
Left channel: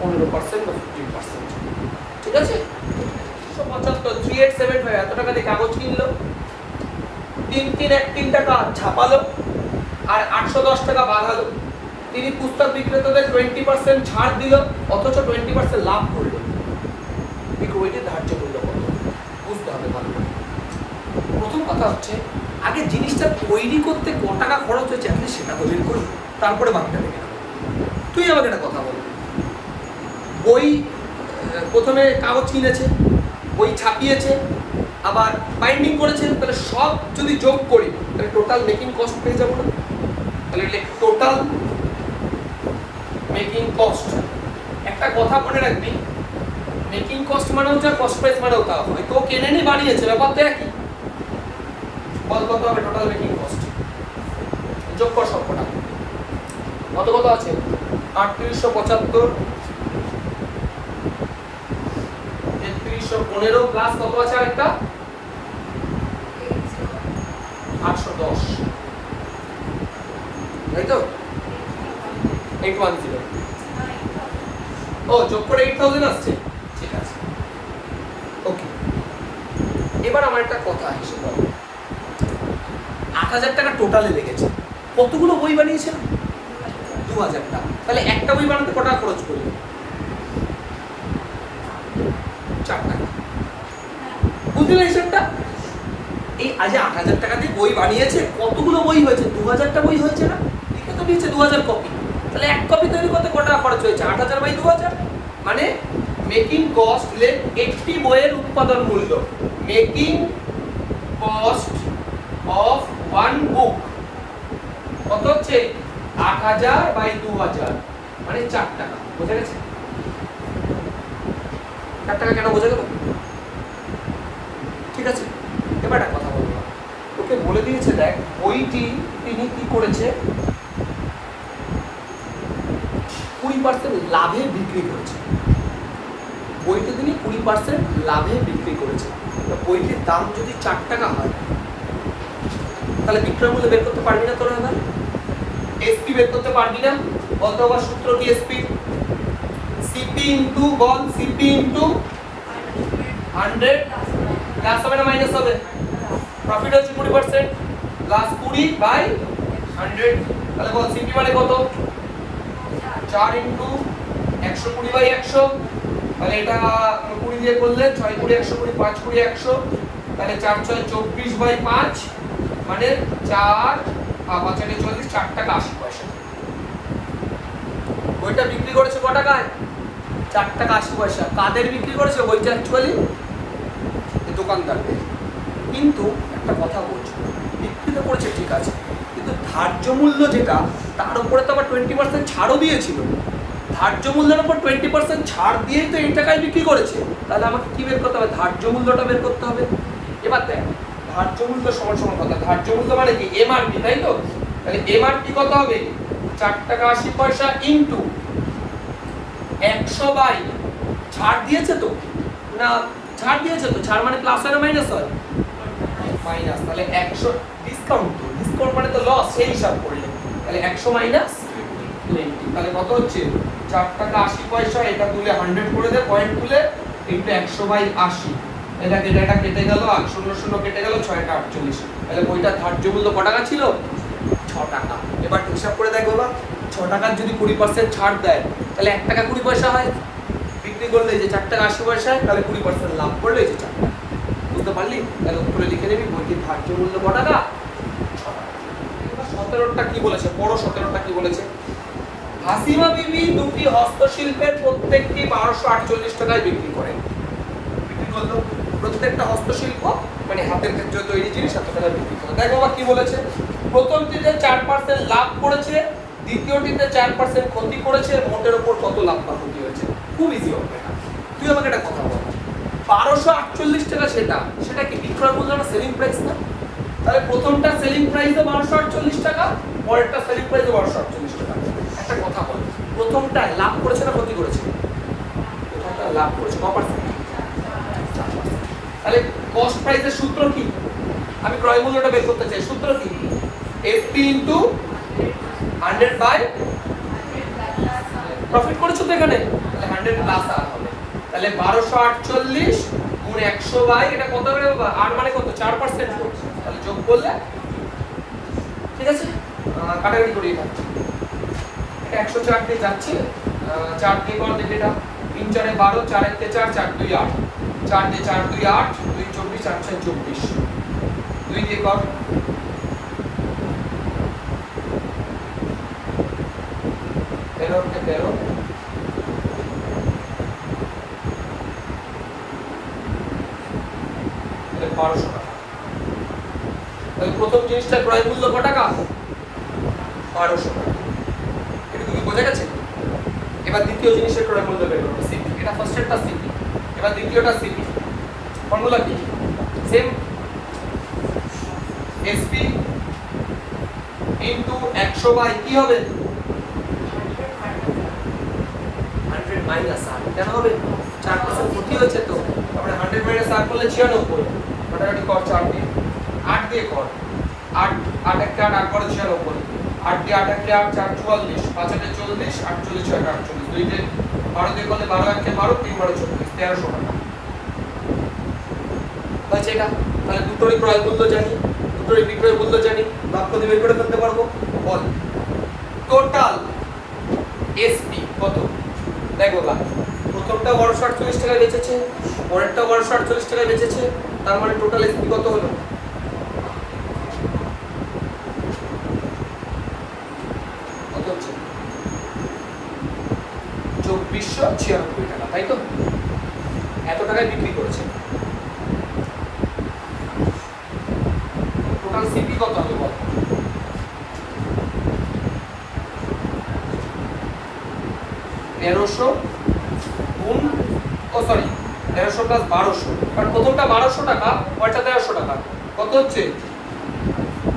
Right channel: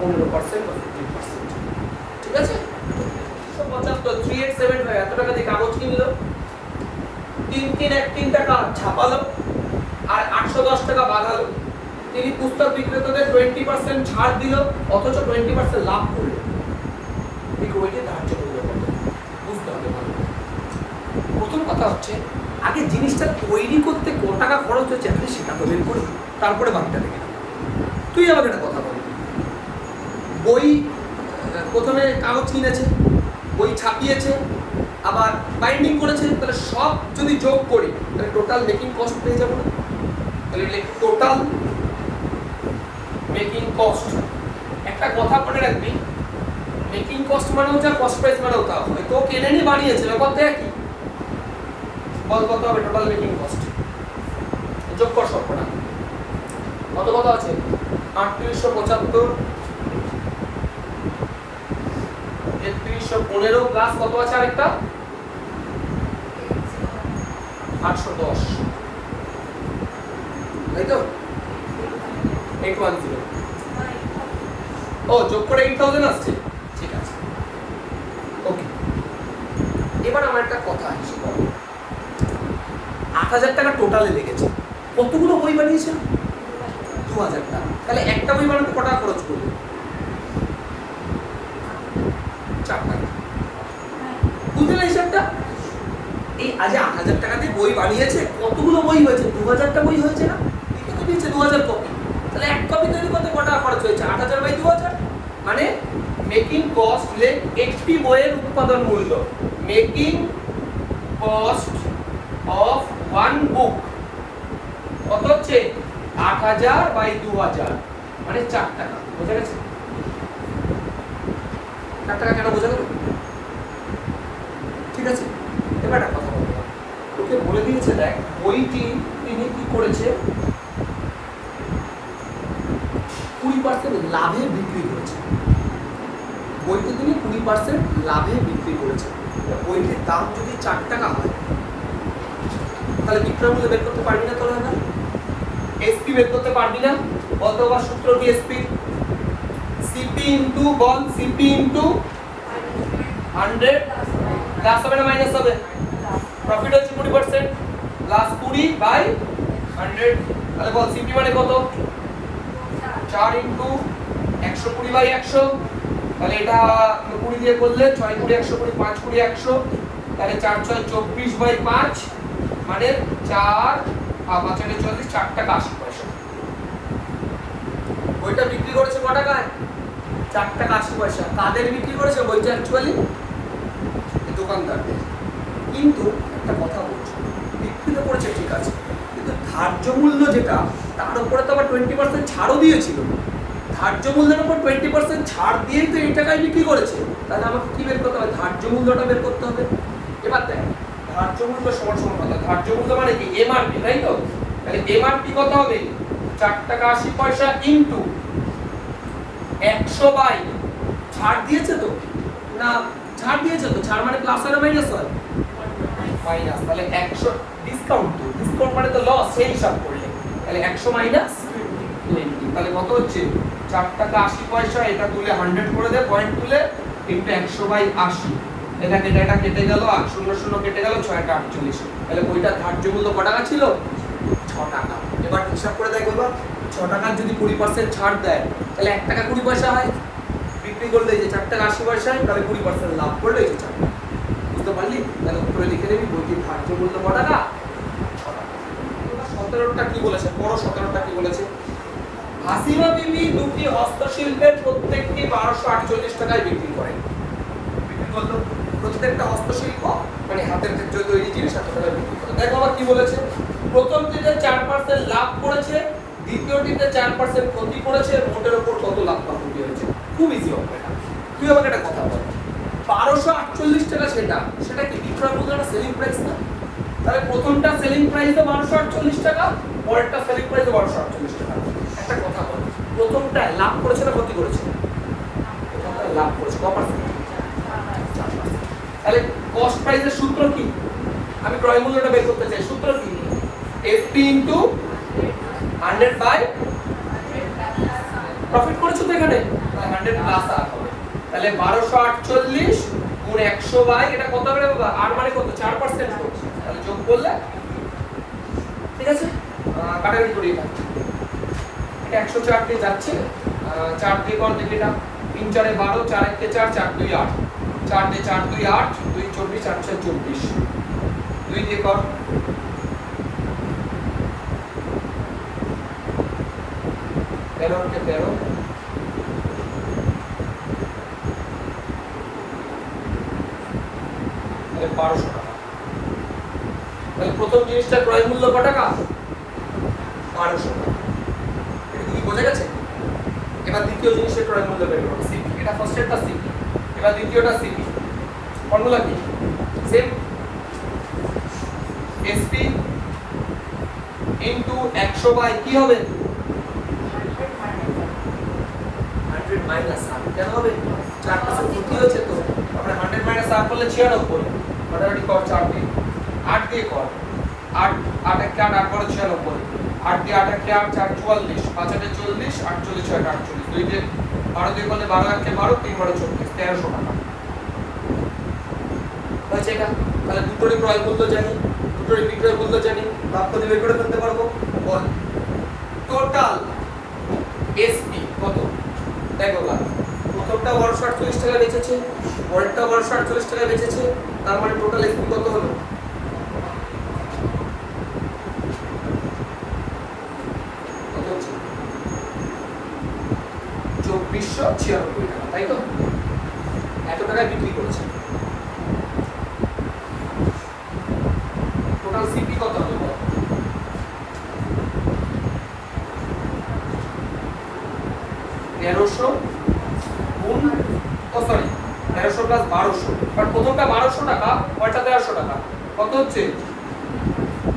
15% বা 15%। ঠিক আছে? 375 3875 এত টাকা দিয়ে কাগজ কিনলো, 3 টাকা ছাপালো, আর 810 টাকা বাঁধালো। তিনি পুস্তক বিক্রেতাদের 20% ছাড় দিল, অথচ 20% লাভ করলো। এই ওইটা ধার্য করলো, বুঝতে হবে ভালো। প্রথম কথা হচ্ছে আগে জিনিসটা তৈরি করতে কত টাকা খরচ হচ্ছে আপনি সেটা তো বের করি, তারপরে বাকিটা দেখে নেব। তুই আমাকে একটা কথা বল, বই প্রথমে কাগজ কিনেছে, বই ছাপিয়েছে, আবার বাইন্ডিং করেছে, তাহলে সব যদি যোগ করি তাহলে টোটাল মেকিং কস্ট পেয়ে যাবো না? তাহলে টোটাল মেকিং কস্ট। একটা কথা মনে রাখবি, মেকিং কস্ট মানেও যা, কস্ট প্রাইস মানেও তা। হয়তো কেনে নিয়ে বানিয়েছে, ব্যাপার তো একই। বল কত হবে টোটাল মেকিং কস্ট? যোগ কর সবকটা। কত কত আছে? 3875, 3315 প্লাস কত আছে আরেকটা? 810, তাই তো? 810। ও যোগ করে 8000 আসছে, ঠিক আছে, ওকে। এবার আমার একটা কথা হিসেব করো, 8000 টাকা টোটালে লেগেছে। কতগুলো বই বানিয়েছেন? 2000 টাকা। তাহলে একটা বই বানাতে কত টাকা খরচ করবে? 4 টাকা। বুঝলে হিসাবটা? এই আজ 8000 টাকা দিয়ে বই বানিয়েছে, কতগুলো বই হয়েছে? 2000টা বই হয়েছে না? লিখে তো দিয়েছে 2000 কপি। তাহলে এক কপি তৈরি করতে কত টাকা খরচ হয়েছে? 8000 বাই 2000, মানে মেকিং কস্ট লেস একটি বইয়ের উৎপাদন মূল্য। মেকিং কস্ট অফ ওয়ান বুক কত হচ্ছে? 8000 বাই 2000, মানে 4 টাকা। বোঝা গেছে? 4 টাকা কেন বোঝা গেল? ঠিক আছে, এবার একটা কথা বলবো, তোকে বলে দিয়েছে দেখ বইটি তিনি কি করেছে, 20% লাভে বিক্রি করেছে। বইটি তিনি 20% লাভে বিক্রি করেছে। বইটির দাম যদি 4 টাকা হয়, তাহলে বিক্রয় মূল্য বের করতে পারবি না তোরা? এবার এসপি বের করতে পারবি না? বলতো আবার সূত্র কি এসপি? সিপি ইনটু, বল সিপি ইনটু 100 প্লাস হবে না মাইনাস হবে? প্রফিট হচ্ছে 20% প্লাস 20 বাই 100। তাহলে বল সিপি মানে কত? 4 ইনটু 120 বাই 100। তাহলে এটা 20 দিয়ে করলে 6 20 120 5 20 100, তাহলে 4 6 24 বাই 5, মানে 4 5 40 4 টাকা 80 পয়সা। বইটা বিক্রি করেছে কত টাকায়? 4 টাকা 80 পয়সা। কাদের বিক্রি করেছে বইটা? অ্যাকচুয়ালি দোকানদার। কিন্তু একটা কথা বলছি, বিক্রি তো করেছে ঠিক আছে, কিন্তু ধার্য মূল্য যেটা, তার উপরে তো আবার 20% ছাড়ও দিয়েছিল। ধার্য মূল্যের উপর 20% ছাড় দিয়েই তো এই টাকায় বিক্রি করেছে। তাহলে আমাকে কি বের করতে হবে? ধার্য মূল্যটা বের করতে হবে। এবার দেখ, ধার্য মূল্য সমান সমান কথা, ধার্য মূল্য মানে কি? এমআরপি, তাই তো? তাহলে এমআরপি কত হবে? 4 টাকা 80 পয়সা ইনটু 100 বাই, ছাড় দিয়েছে তো না? ছাড় দিয়েছে তো, ছাড় মানে প্লাস হয় না মাইনাস হয়? মাইনাস। তাহলে 100 ডিসকাউন্ট, তো ডিসকাউন্ট মানে তো লস, সেই হিসাব করলে তাহলে 100 মাইনাস 20, তাহলে কত হচ্ছে? 4 টাকা 80 পয়সা। এটা তুলে 100 করে দে, পয়েন্ট তুলে, ইনটু 100 বাই 80। এটা কেটে গেল, আর 0 0 কেটে গেল, 6 টা 48। তাহলে বইটার ধার্য মূল্য কত টাকা ছিল? 6 টাকা। এবার হিসাব করে দেখ বাবা, 6 টাকার যদি 20% ছাড় দেয়, তাহলে 1 টাকা 20 পয়সা হয়। বিক্রি করলে এই যে 4 টাকা 80 পয়সা, তাহলে 20% লাভ করলে এই যে 4 টাকা। বুঝতে পারলি? তাহলে উত্তরে লিখে নেবি বইটির ধার্য মূল্য কত টাকা? 6 টাকা। এবার 17টা কি বলেছে? পড়ো 17টা কি বলেছে? হাসিমা বিবি দুটি হস্তশিল্পের প্রত্যেকটি 1248 টাকায় বিক্রি করেন। বিক্রি করলো, প্রত্যেকটা হস্তশিল্প মানে হাতের ক্ষেত্রে তৈরি জিনিস এত টাকা বিক্রি করে। দেখো আবার কি বলেছে, প্রথমটিতে 4% লাভ করেছে, দ্বিতীয়টিতে 4% ক্ষতি করেছে, মোটের উপর কত লাভ বা ক্ষতি হয়েছে। খুব ইজি হবে এটা। তুই আমাকে একটা কথা বল, 1248 টাকা সেটা কি বিক্রয় মূল্য না সেলিং প্রাইস না? তাহলে প্রথমটা সেলিং প্রাইস 1248 টাকা, পরেরটা সেলিং প্রাইস 1248 টাকা। একটা কথা বল, প্রথমটা লাভ করেছে না ক্ষতি করেছে? প্রথমটা লাভ করেছে, কত পার্সেন্ট? 4%। তাহলে কস্ট প্রাইসের সূত্র কি? আমি ক্রয় মূল্যটা বের করতে চাই, সূত্র কি? এফপি ইনটু 100 বাই প্রফিট করেছো তো এখানে, তাহলে 100 প্লাস আর হবে। তাহলে 1248 গুণ 100 বাই এটা কত হবে বাবা? আর মানে কত? 4% হচ্ছে। তাহলে যোগ করলে ঠিক আছে, কাটাকাটি করি এটা। এটা 104 দিয়ে যাচ্ছে, 4 দিয়ে কর দেখি এটা, 3 4 12, 4 1 4, 4 2 8, 4 দিয়ে 4 2 8, 2 24, 8 6 24, 2 দিয়ে কর, 13 কে 13, তাহলে 1200 টাকা। তাহলে প্রথম জিনিসটা ক্রয় মূল্য কত টাকা? 1200 টাকা। এটা কি বোঝা গেছে? এবার দ্বিতীয় জিনিসের ক্রয় মূল্য বের করব, সিপি। এটা ফার্স্টেরটা সিপি, এবার দ্বিতীয়টা সিপি। ফর্মুলা কি? সেম, এসপি ইনটু 100 বাই কি হবে? 100 মাইনাস আর। কেন হবে? 4% ক্ষতি হয়েছে তো, আমরা 100 মাইনাস আর করলে 96, কাটাকাটি কর 4 দিয়ে, 8 দিয়ে কর, 8 8 1 8, 8 12 96, 8 দিয়ে 8 1 8, 4 44, 5 8 40, 48 6 48, 2 দিয়ে 12 দিয়ে করলে 12 1 12, 3 12 24, 1300 টাকা হয়েছে এটা। তাহলে দুটোরই ক্রয় মূল্য জানি, দুটোরই বিক্রয় মূল্য জানি, বাক্য দিয়ে বের করে ফেলতে পারবো। বল টোটাল এসপি কত? দেখো বাবা, প্রথমটা 1248 টাকায় বেচেছে, পরেরটা 1248 টাকায় বেচেছে, তার মানে টোটাল এসপি কত হলো? কত হচ্ছে? 2496 টাকা, তাই তো? এত টাকায় বিক্রি করেছে। টোটাল সিপি কত হবে বল? 1300 গুণ, ও সরি 1300 প্লাস 1200, বাট প্রথমটা 1200 টাকা, পরেরটা 1300 টাকা, কত হচ্ছে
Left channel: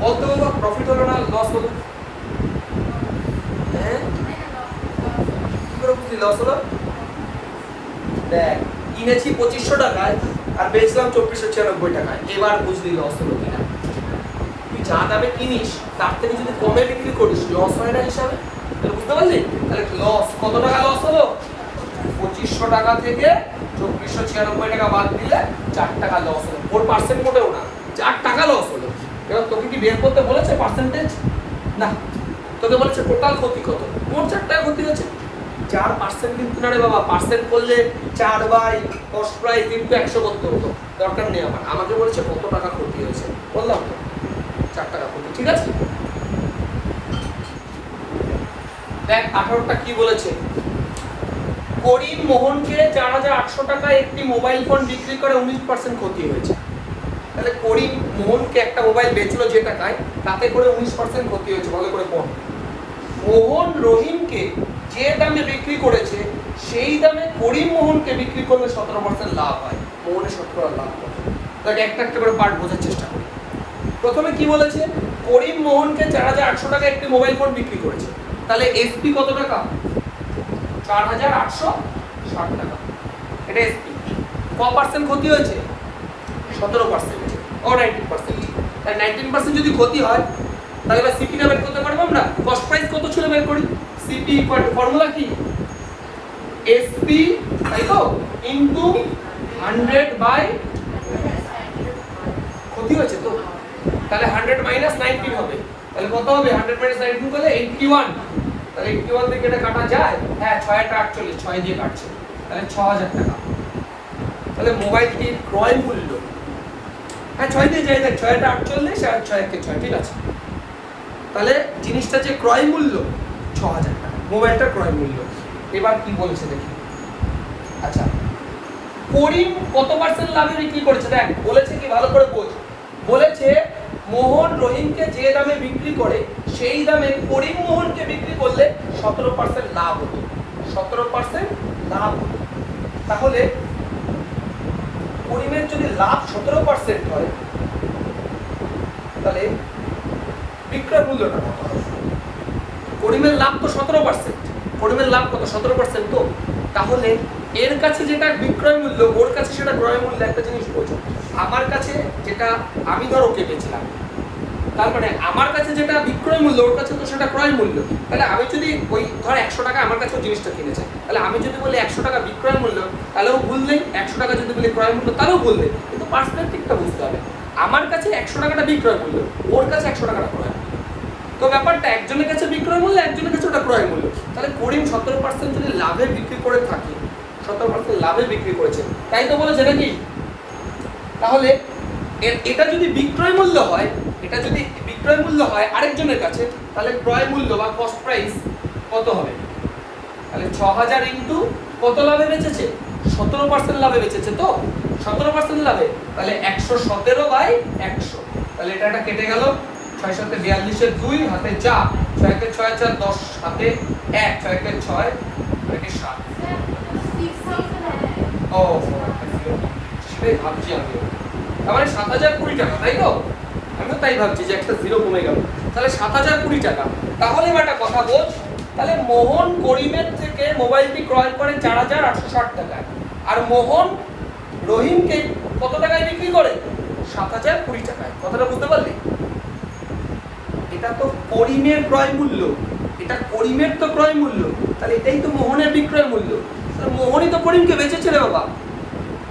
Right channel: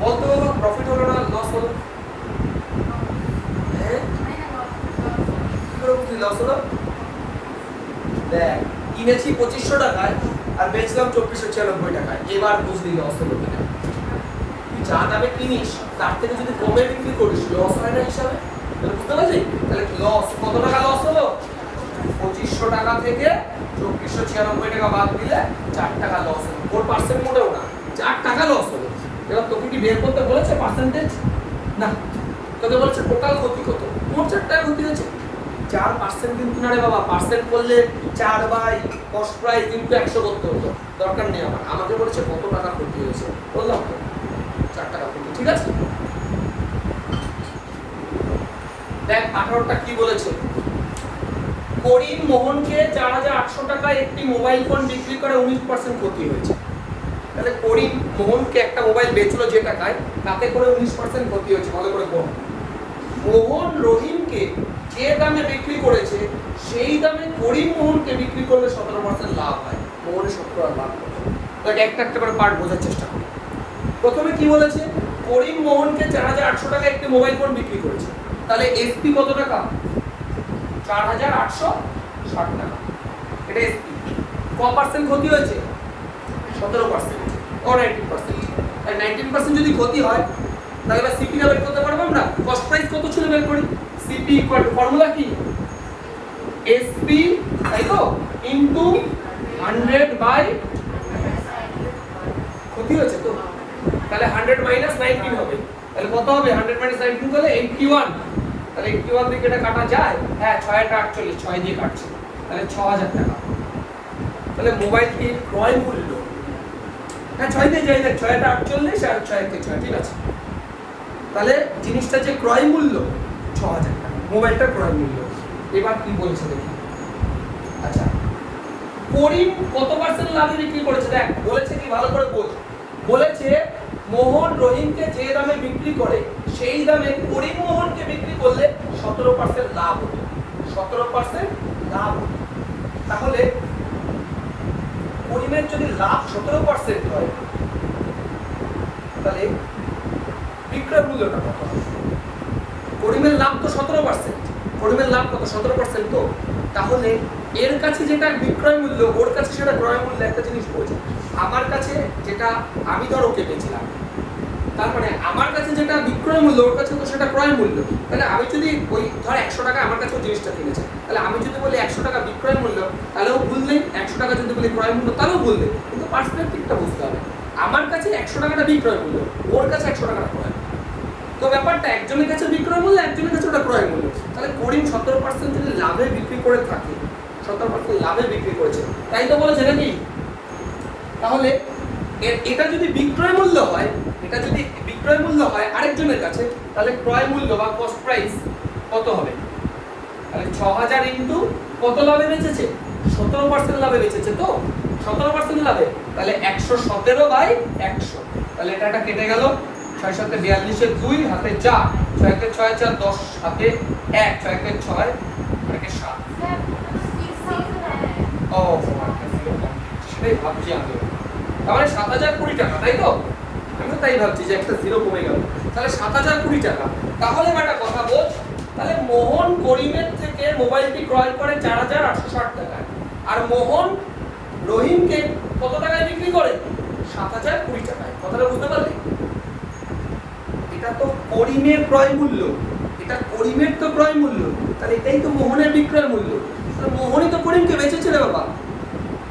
বলতে হলো? প্রফিট হলো না লস হলো? হ্যাঁ, কি করে বুঝলি লস হলো? দেখ, কিনেছি 2500 টাকায় আর বেচলাম 2496 টাকায়, এবার বুঝলি লস হলো কিনা। তুই যা দামে কিনিস তার থেকে যদি কমে বিক্রি করিস লস হয় না হিসাবে, তাহলে বুঝতে পারলি? তাহলে লস কত টাকা লস হলো? 2500 টাকা থেকে 2496 টাকা বাদ দিলে 4 টাকা লস হলো। 4% মোটেও না, 4 টাকা লস হলো। এবার তোকে কি বের করতে বলেছে পার্সেন্টেজ? না, তোকে বলেছে টোটাল ক্ষতি কত। মোট 4 টাকা ক্ষতি হয়েছে। 4% কিন্তু না রে বাবা, পার্সেন্ট করলে 4 বাই কস্ট প্রাইস ইনটু 100 করতে হতো, দরকার নেই আমার। আমাকে বলেছে কত টাকা ক্ষতি হয়েছে, বললাম তো 4 টাকা ক্ষতি। ঠিক আছে, দেখ 18টা কি বলেছে? করিম মোহনকে 4800 টাকায় একটি মোবাইল ফোন বিক্রি করে 19% ক্ষতি হয়েছে। তাহলে করিম মোহনকে একটা মোবাইল বেচলো যে টাকায়, তাতে করে 19% ক্ষতি হয়েছে। ভালো করে পড়। মোহন রহিমকে যে দামে বিক্রি করেছে সেই দামে করিম মোহনকে বিক্রি করলে 17% লাভ হয়। মোহনের 17 লাভ করবে। তাহলে একটা একটা করে পার্ট বোঝার চেষ্টা করি। প্রথমে কি বলেছে? করিম মোহনকে 4800 টাকায় একটি মোবাইল ফোন বিক্রি করেছে। তাহলে এসপি কত টাকা? 4860 টাকা। এটা এসপি। কত পার্সেন্ট ক্ষতি হয়েছে? 17%, ও 19%। তাই 19% যদি ক্ষতি হয় তাহলে এবার সিপি টা বের করতে পারবো আমরা। কস্ট প্রাইস কত ছিল বের করি। সিপি ইকুয়াল টু, ফর্মুলা কি? এসপি, তাই তো, ইনটু 100 বাই ক্ষতি হয়েছে তো, তাহলে 100 মাইনাস 19 হবে। তাহলে কত হবে? 100 মাইনাস 19 করলে 81। তাহলে 81 থেকে এটা কাটা যায়? হ্যাঁ, 6 এটা 48, 6 দিয়ে কাটছে, তাহলে 6000 টাকা। তাহলে মোবাইলটির ক্রয় মূল্য, হ্যাঁ 6 দিয়ে যাই, দেখ 6 এটা 48 আর 6 একে 6, ঠিক আছে। তাহলে জিনিসটা যে ক্রয় মূল্য 6000 টাকা, মোবাইলটার ক্রয় মূল্য। এবার কি বলছে দেখি। আচ্ছা, করিম কত পার্সেন্ট লাভে বিক্রি করেছে? দেখ বলেছে কি, ভালো করে বোঝ। বলেছে মোহন রহিমকে যে দামে বিক্রি করে সেই দামে করিম মোহনকে বিক্রি করলে 17% লাভ হতো। 17% লাভ হতো। তাহলে করিমের যদি লাভ 17% হয় তাহলে বিক্রয় মূল্যটা কত হবে? করিমের লাভ তো 17%। করিমের লাভ কত? 17% তো। তাহলে এর কাছে যেটা বিক্রয় মূল্য, ওর কাছে সেটা ক্রয় মূল্য। একটা জিনিস বোঝো, আমার কাছে যেটা আমি ধর ওকে বেচলাম, তার মানে আমার কাছে যেটা বিক্রয় মূল্য ওর কাছে তো সেটা ক্রয় মূল্য। তাহলে আমি যদি ওই ধর 100 টাকা আমার কাছে জিনিসটা কিনেছে, তাহলে আমি যদি বলি 100 টাকা বিক্রয় মূল্য তাহলেও ভুল নেই, 100 টাকা যদি বলি ক্রয় মূল্য তাহলেও ভুল নেই। কিন্তু পার্সপেক্টিভটা বুঝতে হবে। আমার কাছে 100 টাকাটা বিক্রয় মূল্য, ওর কাছে 100 টাকাটা ক্রয়। তো ব্যাপারটা একজনের কাছে বিক্রয় মূল্য, একজনের কাছে ওটা ক্রয় মূল্য। তাহলে করিম 17% যদি লাভে বিক্রি করে থাকে, 17% লাভে বিক্রি করেছে, তাই তো বলেছে নাকি? তাহলে এটা যদি বিক্রয় মূল্য হয়, এটা যদি বিক্রয় মূল্য হয় আরেকজনের কাছে, তাহলে ক্রয় মূল্য বা কস্ট প্রাইস কত হবে? তাহলে 6000 ইনটু কত লাভে বেচেছে? 17% লাভে বেচেছে তো, 17% লাভে। তাহলে 117/100। তাহলে এটা কেটে গেল, 6 7 42 2 হাতে 4, 6 কে 6 4 10 হাতে 1, 6 কে 6 6 কে 7। ও সেটাই ভাবছি আমি। তার মানে 7020 টাকা, তাই তো? আমি তো তাই ভাবছি যে একটা জিরো কমে গেল। তাহলে 7020 টাকা। তাহলে একটা কথা বোঝ, তাহলে মোহন করিমের থেকে মোবাইলটি ক্রয় করে 4860 টাকায়, আর মোহন রহিমকে কত টাকায় বিক্রি করে? 7020 টাকায়। কথাটা বুঝতে পারলি? এটা তো করিমের ক্রয় মূল্য, এটা করিমের তো ক্রয় মূল্য, তাহলে এটাই তো মোহনের বিক্রয় মূল্য। মোহনই তো করিমকে বেচেছে রে বাবা,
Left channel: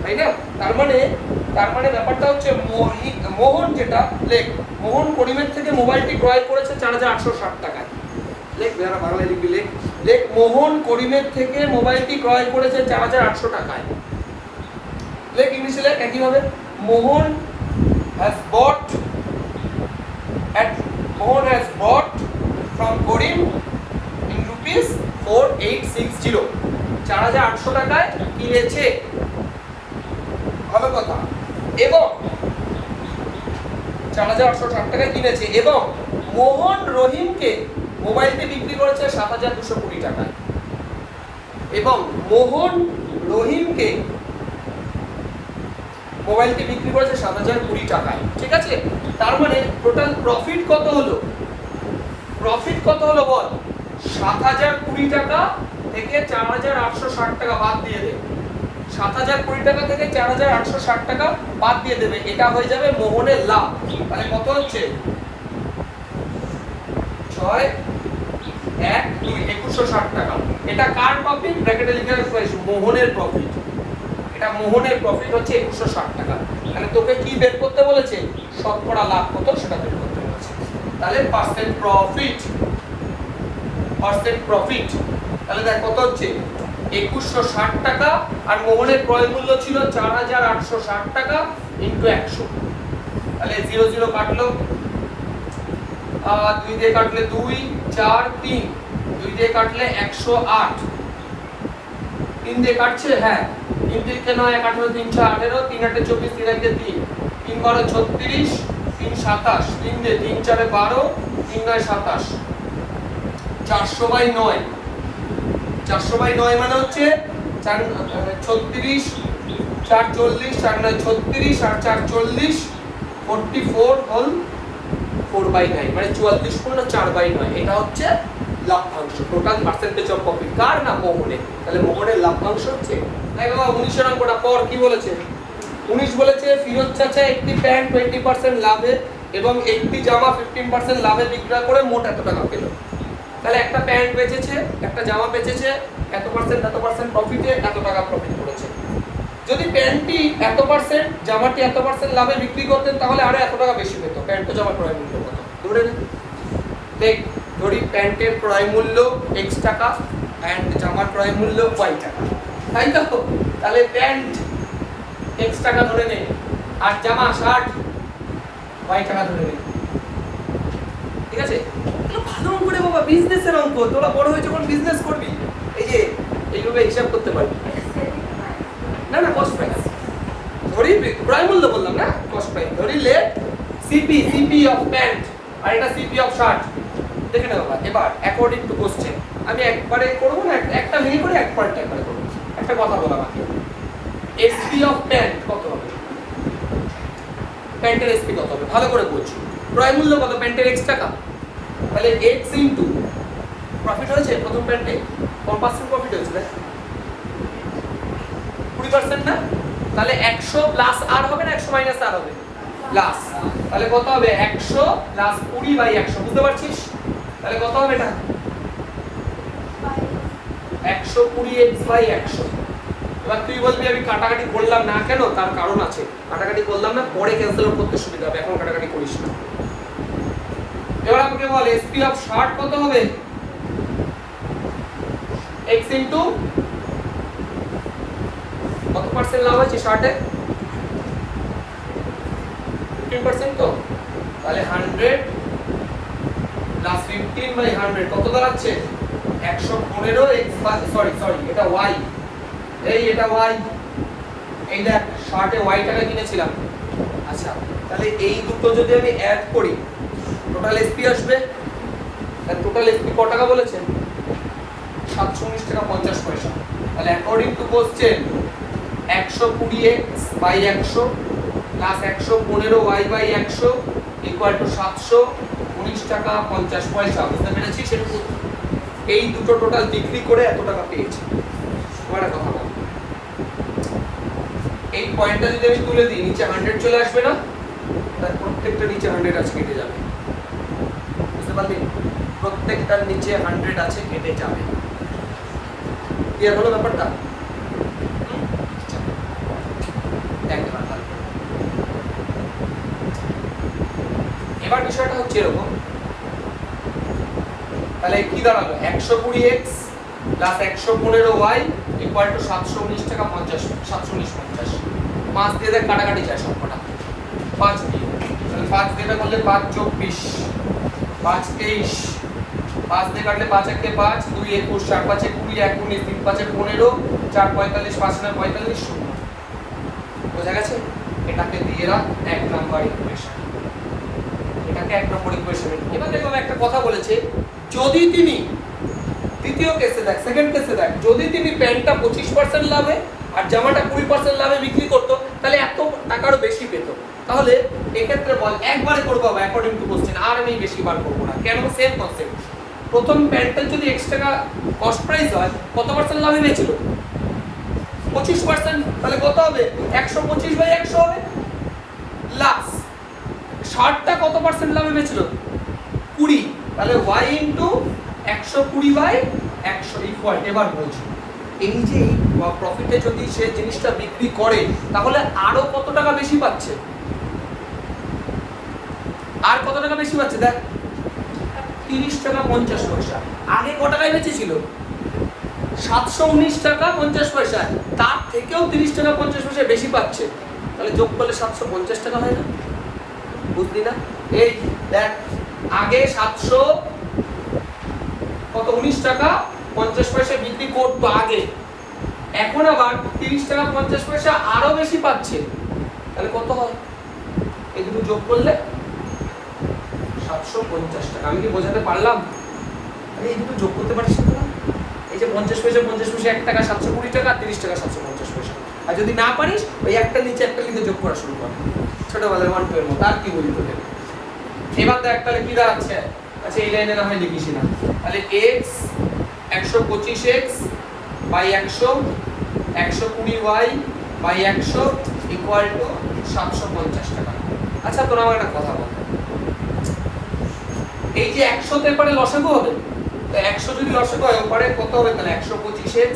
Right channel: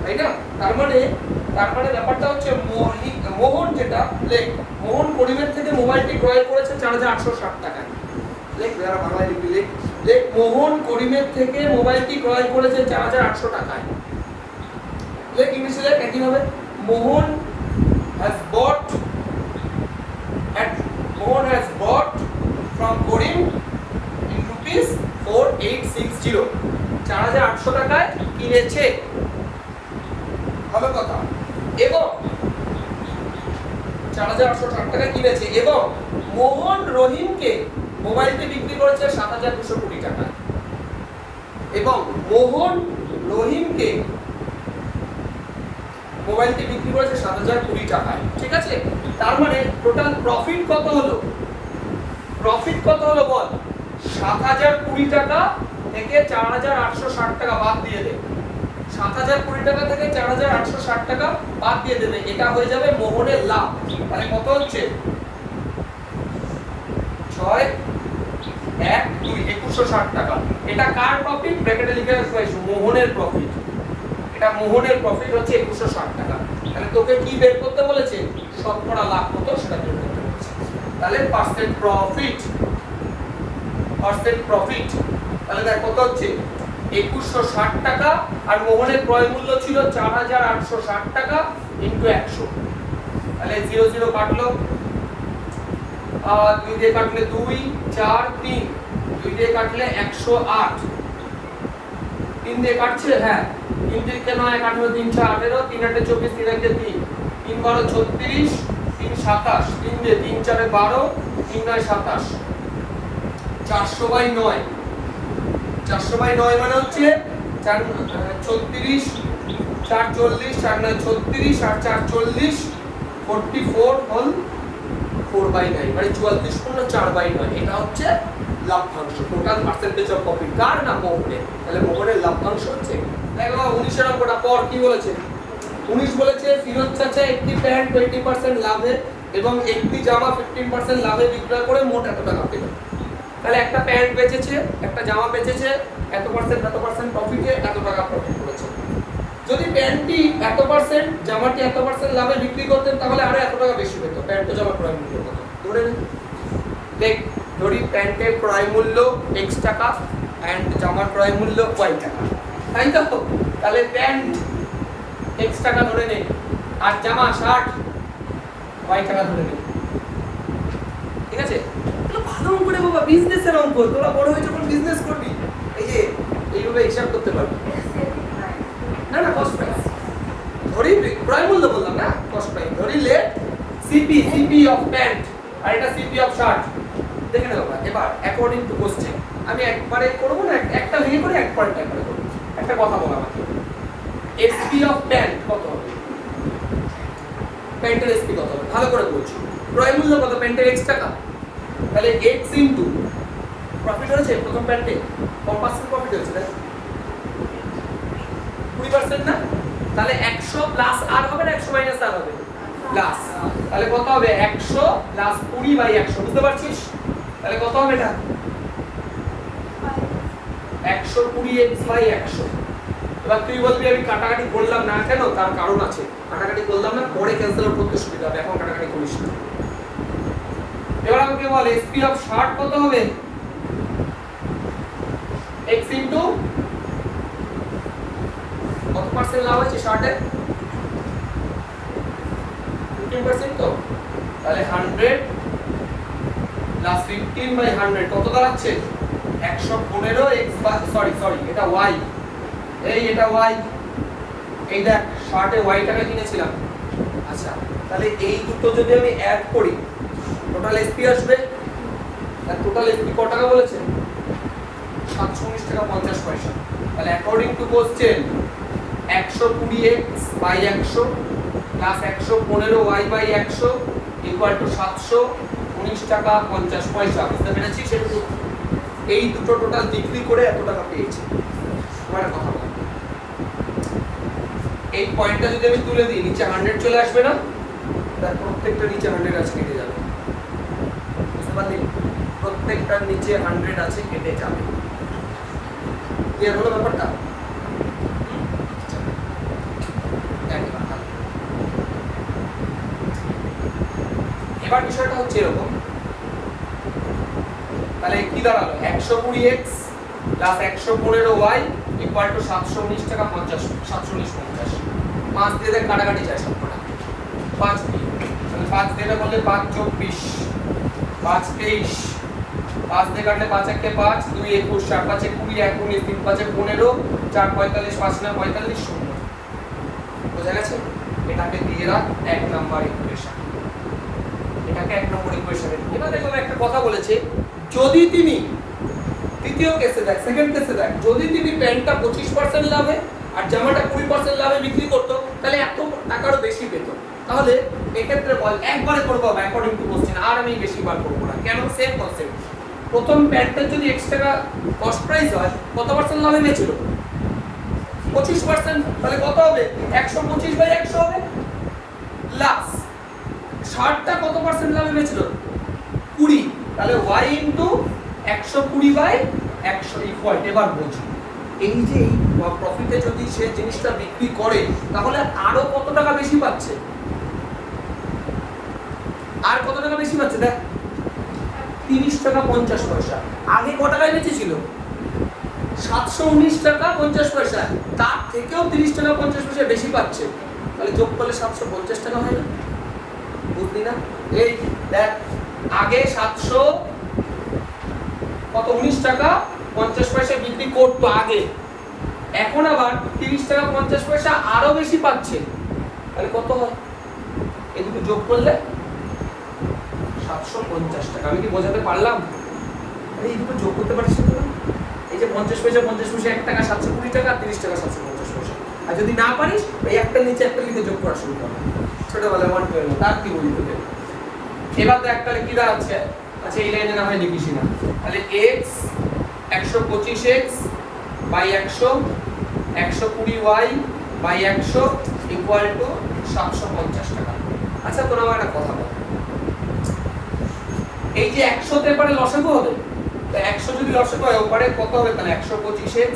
তাই না? তার মানে ব্যাপারটা হচ্ছে মোহন যেটা লেখ, মোহন করিমের থেকে মোবাইলটি ক্রয় করেছে 4860 টাকায়। লেখ যারা বাংলায় লিখবি, লেখ মোহন করিমের থেকে মোবাইলটি ক্রয় করেছে 4800 টাকায়। লেখ ইংলিশে লেখ একইভাবে, মোহন has bought from Korim in rupees 4860। 4800 টাকায় কিনেছে, ভালো কথা। এবং 4860 টাকায় কিনেছে, এবং মোহন রহিমকে মোবাইলটি বিক্রি করেছে 7220 টাকায়। এবং মোহন রহিমকে মোবাইলটি বিক্রি করেছে 7020 টাকায়। ঠিক আছে? তার মানে টোটাল প্রফিট কত হলো? প্রফিট কত হলো বল? 7020 টাকা থেকে 4860 টাকা বাদ দিয়ে দেবে। 7020 টাকা থেকে 4860 টাকা বাদ দিয়ে দেবে, এটা হয়ে যাবে মোহনের লাভ। তাহলে কত হচ্ছে? 6 1 2 2160 টাকা। এটা কার প্রফিট? ব্র্যাকেটে লিখে রাখো, মোহনের প্রফিট। এটা মোহনের প্রফিট হচ্ছে 2160 টাকা। তাহলে তোকে কি বের করতে বলেছে? শতকরা লাভ কত সেটা বের করতে বলেছে। তাহলে পার্সেন্ট প্রফিট, তাহলে দেখ কত হচ্ছে? 2160 টাকা, আর মোহনের ক্রয় মূল্য ছিল 4860 টাকা ইনটু 100। তাহলে 0 0 কাটলো, 2 দিয়ে কাটলে 2 4 3, 2 দিয়ে কাটলে 108, 3 দিয়ে কাটছে, হ্যাঁ 3 দিয়ে কেন 1 18 3 6 18, 3 8 24, 3 1 3, 3 12 36, 3 27, 3 দিয়ে 3 4 12, 3 9 27, 400/9। 400/9 মানে হচ্ছে 36, 4 40, 4 9 36, 8 4 40, 44 হোল 4/9, মানে 44 পূর্ণ 4/9। এটা হচ্ছে লভ্যাংশ, টোটাল পার্সেন্টেজ অফ প্রফিট। কার? না মোহনের। তাহলে মোহনের লভ্যাংশ হচ্ছে, দেখো 19 এর অঙ্কটা পর কি বলেছে? 19 বলেছে ফিরোজ চাচা একটি প্যান্ট 20% লাভে এবং একটি জামা 15% লাভে বিক্রয় করে মোট এত টাকা পেল। তাহলে একটা প্যান্ট বেচেছে, একটা জামা বেচেছে, এত পার্সেন্ট প্রফিটে এত টাকা প্রফিট করেছে। যদি প্যান্টটি এত পার্সেন্ট, জামাটি এত পার্সেন্ট লাভে বিক্রি করতেন তাহলে আরো এত টাকা বেশি পেত। প্যান্ট ও জামা ক্রয় মূল্য কত ধরে নে, দেখ ধরি প্যান্টের ক্রয় মূল্য x টাকা এন্ড জামার ক্রয় মূল্য y টাকা, তাই তো? তাহলে প্যান্ট x টাকা ধরে নে, আর জামা শার্ট y টাকা ধরে নে। ঠিক আছে? ভালো অঙ্ক রে বাবা, বিজনেসের অঙ্ক। তোরা বড় হয়ে যখন বিজনেস করবি এই যে এইভাবে হিসাব করতে পারবি। না কস্ট প্রাইস ধরি ক্রয় মূল্য বললাম না, কস্ট প্রাইস, ধরি লেট সিপি অফ প্যান্ট আর এটা সিপি অফ শার্ট। দেখে নাও এবার অ্যাকর্ডিং টু কোশ্চেন আমি একবারে করব না, একটা ভেঙে করে একবারে একবারে করব। একটা কথা বলা আমাকে, এসপি অফ প্যান্ট কত হবে, প্যান্টের এসপি কত হবে, ভালো করে বলছি। ক্রয় মূল্য কত, প্যান্টের x টাকা, তাহলে x ইনটু প্রফিট হয়েছে প্রথম প্যান্টে কত পার্সেন্ট প্রফিট হয়েছে, 20% না, তাহলে 100 প্লাস আর হবে না 100 মাইনাস আর হবে প্লাস, তাহলে কত হবে 100 প্লাস 20 বাই 100, বুঝতে পারছিস? তাহলে কত হবে এটা 120x বাই 100। এবার তুই বলবি আমি কাটাকাটি করলাম না কেন, তার কারণ আছে, কাটাকাটি করলাম না পরে ক্যান্সেল করতে সুবিধা হবে, এখন কাটাকাটি করিস না। এবার আমাকে বল এসপি অফ শার্ট কত হবে, x ইনটু কত পার্সেন্ট লাভ আছে শার্টে, 15% তো, তাহলে 100 প্লাস 15 বাই 100 কত দাঁড়াচ্ছে 115 x, সরি এটা y, এটা y, এই দেখ শার্টে y টাকা কিনেছিলাম। আচ্ছা তাহলে এই দুটো যদি আমি অ্যাড করি টোটাল এসপি আসবে, আর টোটাল এসপি কত টাকা বলেছে 719 টাকা 50 পয়সা। তাহলে according to question 120x by 100 plus 115y by 100 equal to 719 টাকা 50 পয়সা। বুঝতে পেরেছিস? এই দুটো টোটাল বিক্রি করে এত টাকা পেয়েছি। তোমার কথা বল, এই পয়েন্টটা যদি আমি তুলে দিই নিচে 100 চলে আসবে না, তার প্রত্যেকটা নিচে 100 আছে কেটে যাবে, বুঝতে পারলি? প্রত্যেকটার নিচে 100 আছে কেটে যাবে। ক্লিয়ার হলো ব্যাপারটা? এবার বিষয়টা হচ্ছে এরকম, তাহলে কি দাঁড়ালো 120x plus 115y equal to 719 টাকা 50, 719.50। 5 দিয়ে দেখ কাটাকাটি যায় সবকটা, 5 দিয়ে, তাহলে 5 দিয়ে করলে 5 24, 5 23, 5 দিয়ে কাটলে 5 1 5, 2 21, 4 5 20, 1 19, 3 5 15, 4 45, 5 9 45, 0। বোঝা গেছে? এটাকে দিয়ে রাখ 1 নাম্বার ইকুয়েশন, এটাকে 1 নম্বর ইকুয়েশনে। এবার দেখলাম একটা কথা বলেছে, যদি তিনি দ্বিতীয় কেসে দেখ, সেকেন্ড কেসে দেখ, যদি তিনি প্যান্টটা 25% লাভে আর জামাটা 20% লাভে বিক্রি করতো তাহলে এত টাকারও বেশি পেত। তাহলে এক্ষেত্রে বল একবারে করবো অ্যাকর্ডিং টু কোশ্চেন, আর আমি বেশি বার করবো না। কেন? Same concept. প্রথম প্যান্টটা যদি x টাকা কস্ট প্রাইস হয় কত পার্সেন্ট লাভে নিয়েছিল 25%, তাহলে কত হবে 125 বাই 100 হবে প্লাস শার্টটা কত পার্সেন্ট লাভে বেচল 20, তাহলে y ইনটু 120 বাই 100 ইকুয়াল। এবার বলছি এই যে এই প্রফিটে যদি সে জিনিসটা বিক্রি করে তাহলে আরো কত টাকা বেশি পাচ্ছে, আর কত টাকা বেশি পাচ্ছে দেখ 30 টাকা 50 পয়সা। আগে কত টাকায় বেচেছিল 719 টাকা 50 পয়সা, তার থেকেও 30 টাকা 50 পয়সা বেশি পাচ্ছে, তাহলে যোগ করলে 750 টাকা হয় না? বুঝলি না? এই দেখ আগে 719 টাকা 50 পয়সা বিক্রি করতো আগে, এখন আবার 30 টাকা 50 পয়সা আরো বেশি পাচ্ছে, তাহলে কত হয়? এই দুটো যোগ করলে 750 টাকা। আমি কি বোঝাতে পারলাম? তাহলে এই দুটো যোগ করতে পারছিস না? এই যে 50 পয়সা 1 টাকা 720 টাকা, 30 টাকা 750 পয়সা। আর যদি না পারিস ওই একটা নিচে একটা লিখে যোগ করা শুরু কর, ছোটবেলায় 1 2 এর মতো। আর কি বলি তোকে? এবার দেখ তাহলে কি দাঁড়াচ্ছে, আচ্ছা এই লাইনে না হয় লিখিস না, তাহলে x 125x by 100 120y by 100 equal to 750 টাকা। আচ্ছা তোরা আমার একটা কথা বল, এই যে 100 তে পারে লসাগু হবে, তো 100 যদি লসাগু হয় ওপারে কত হবে, তাহলে 125x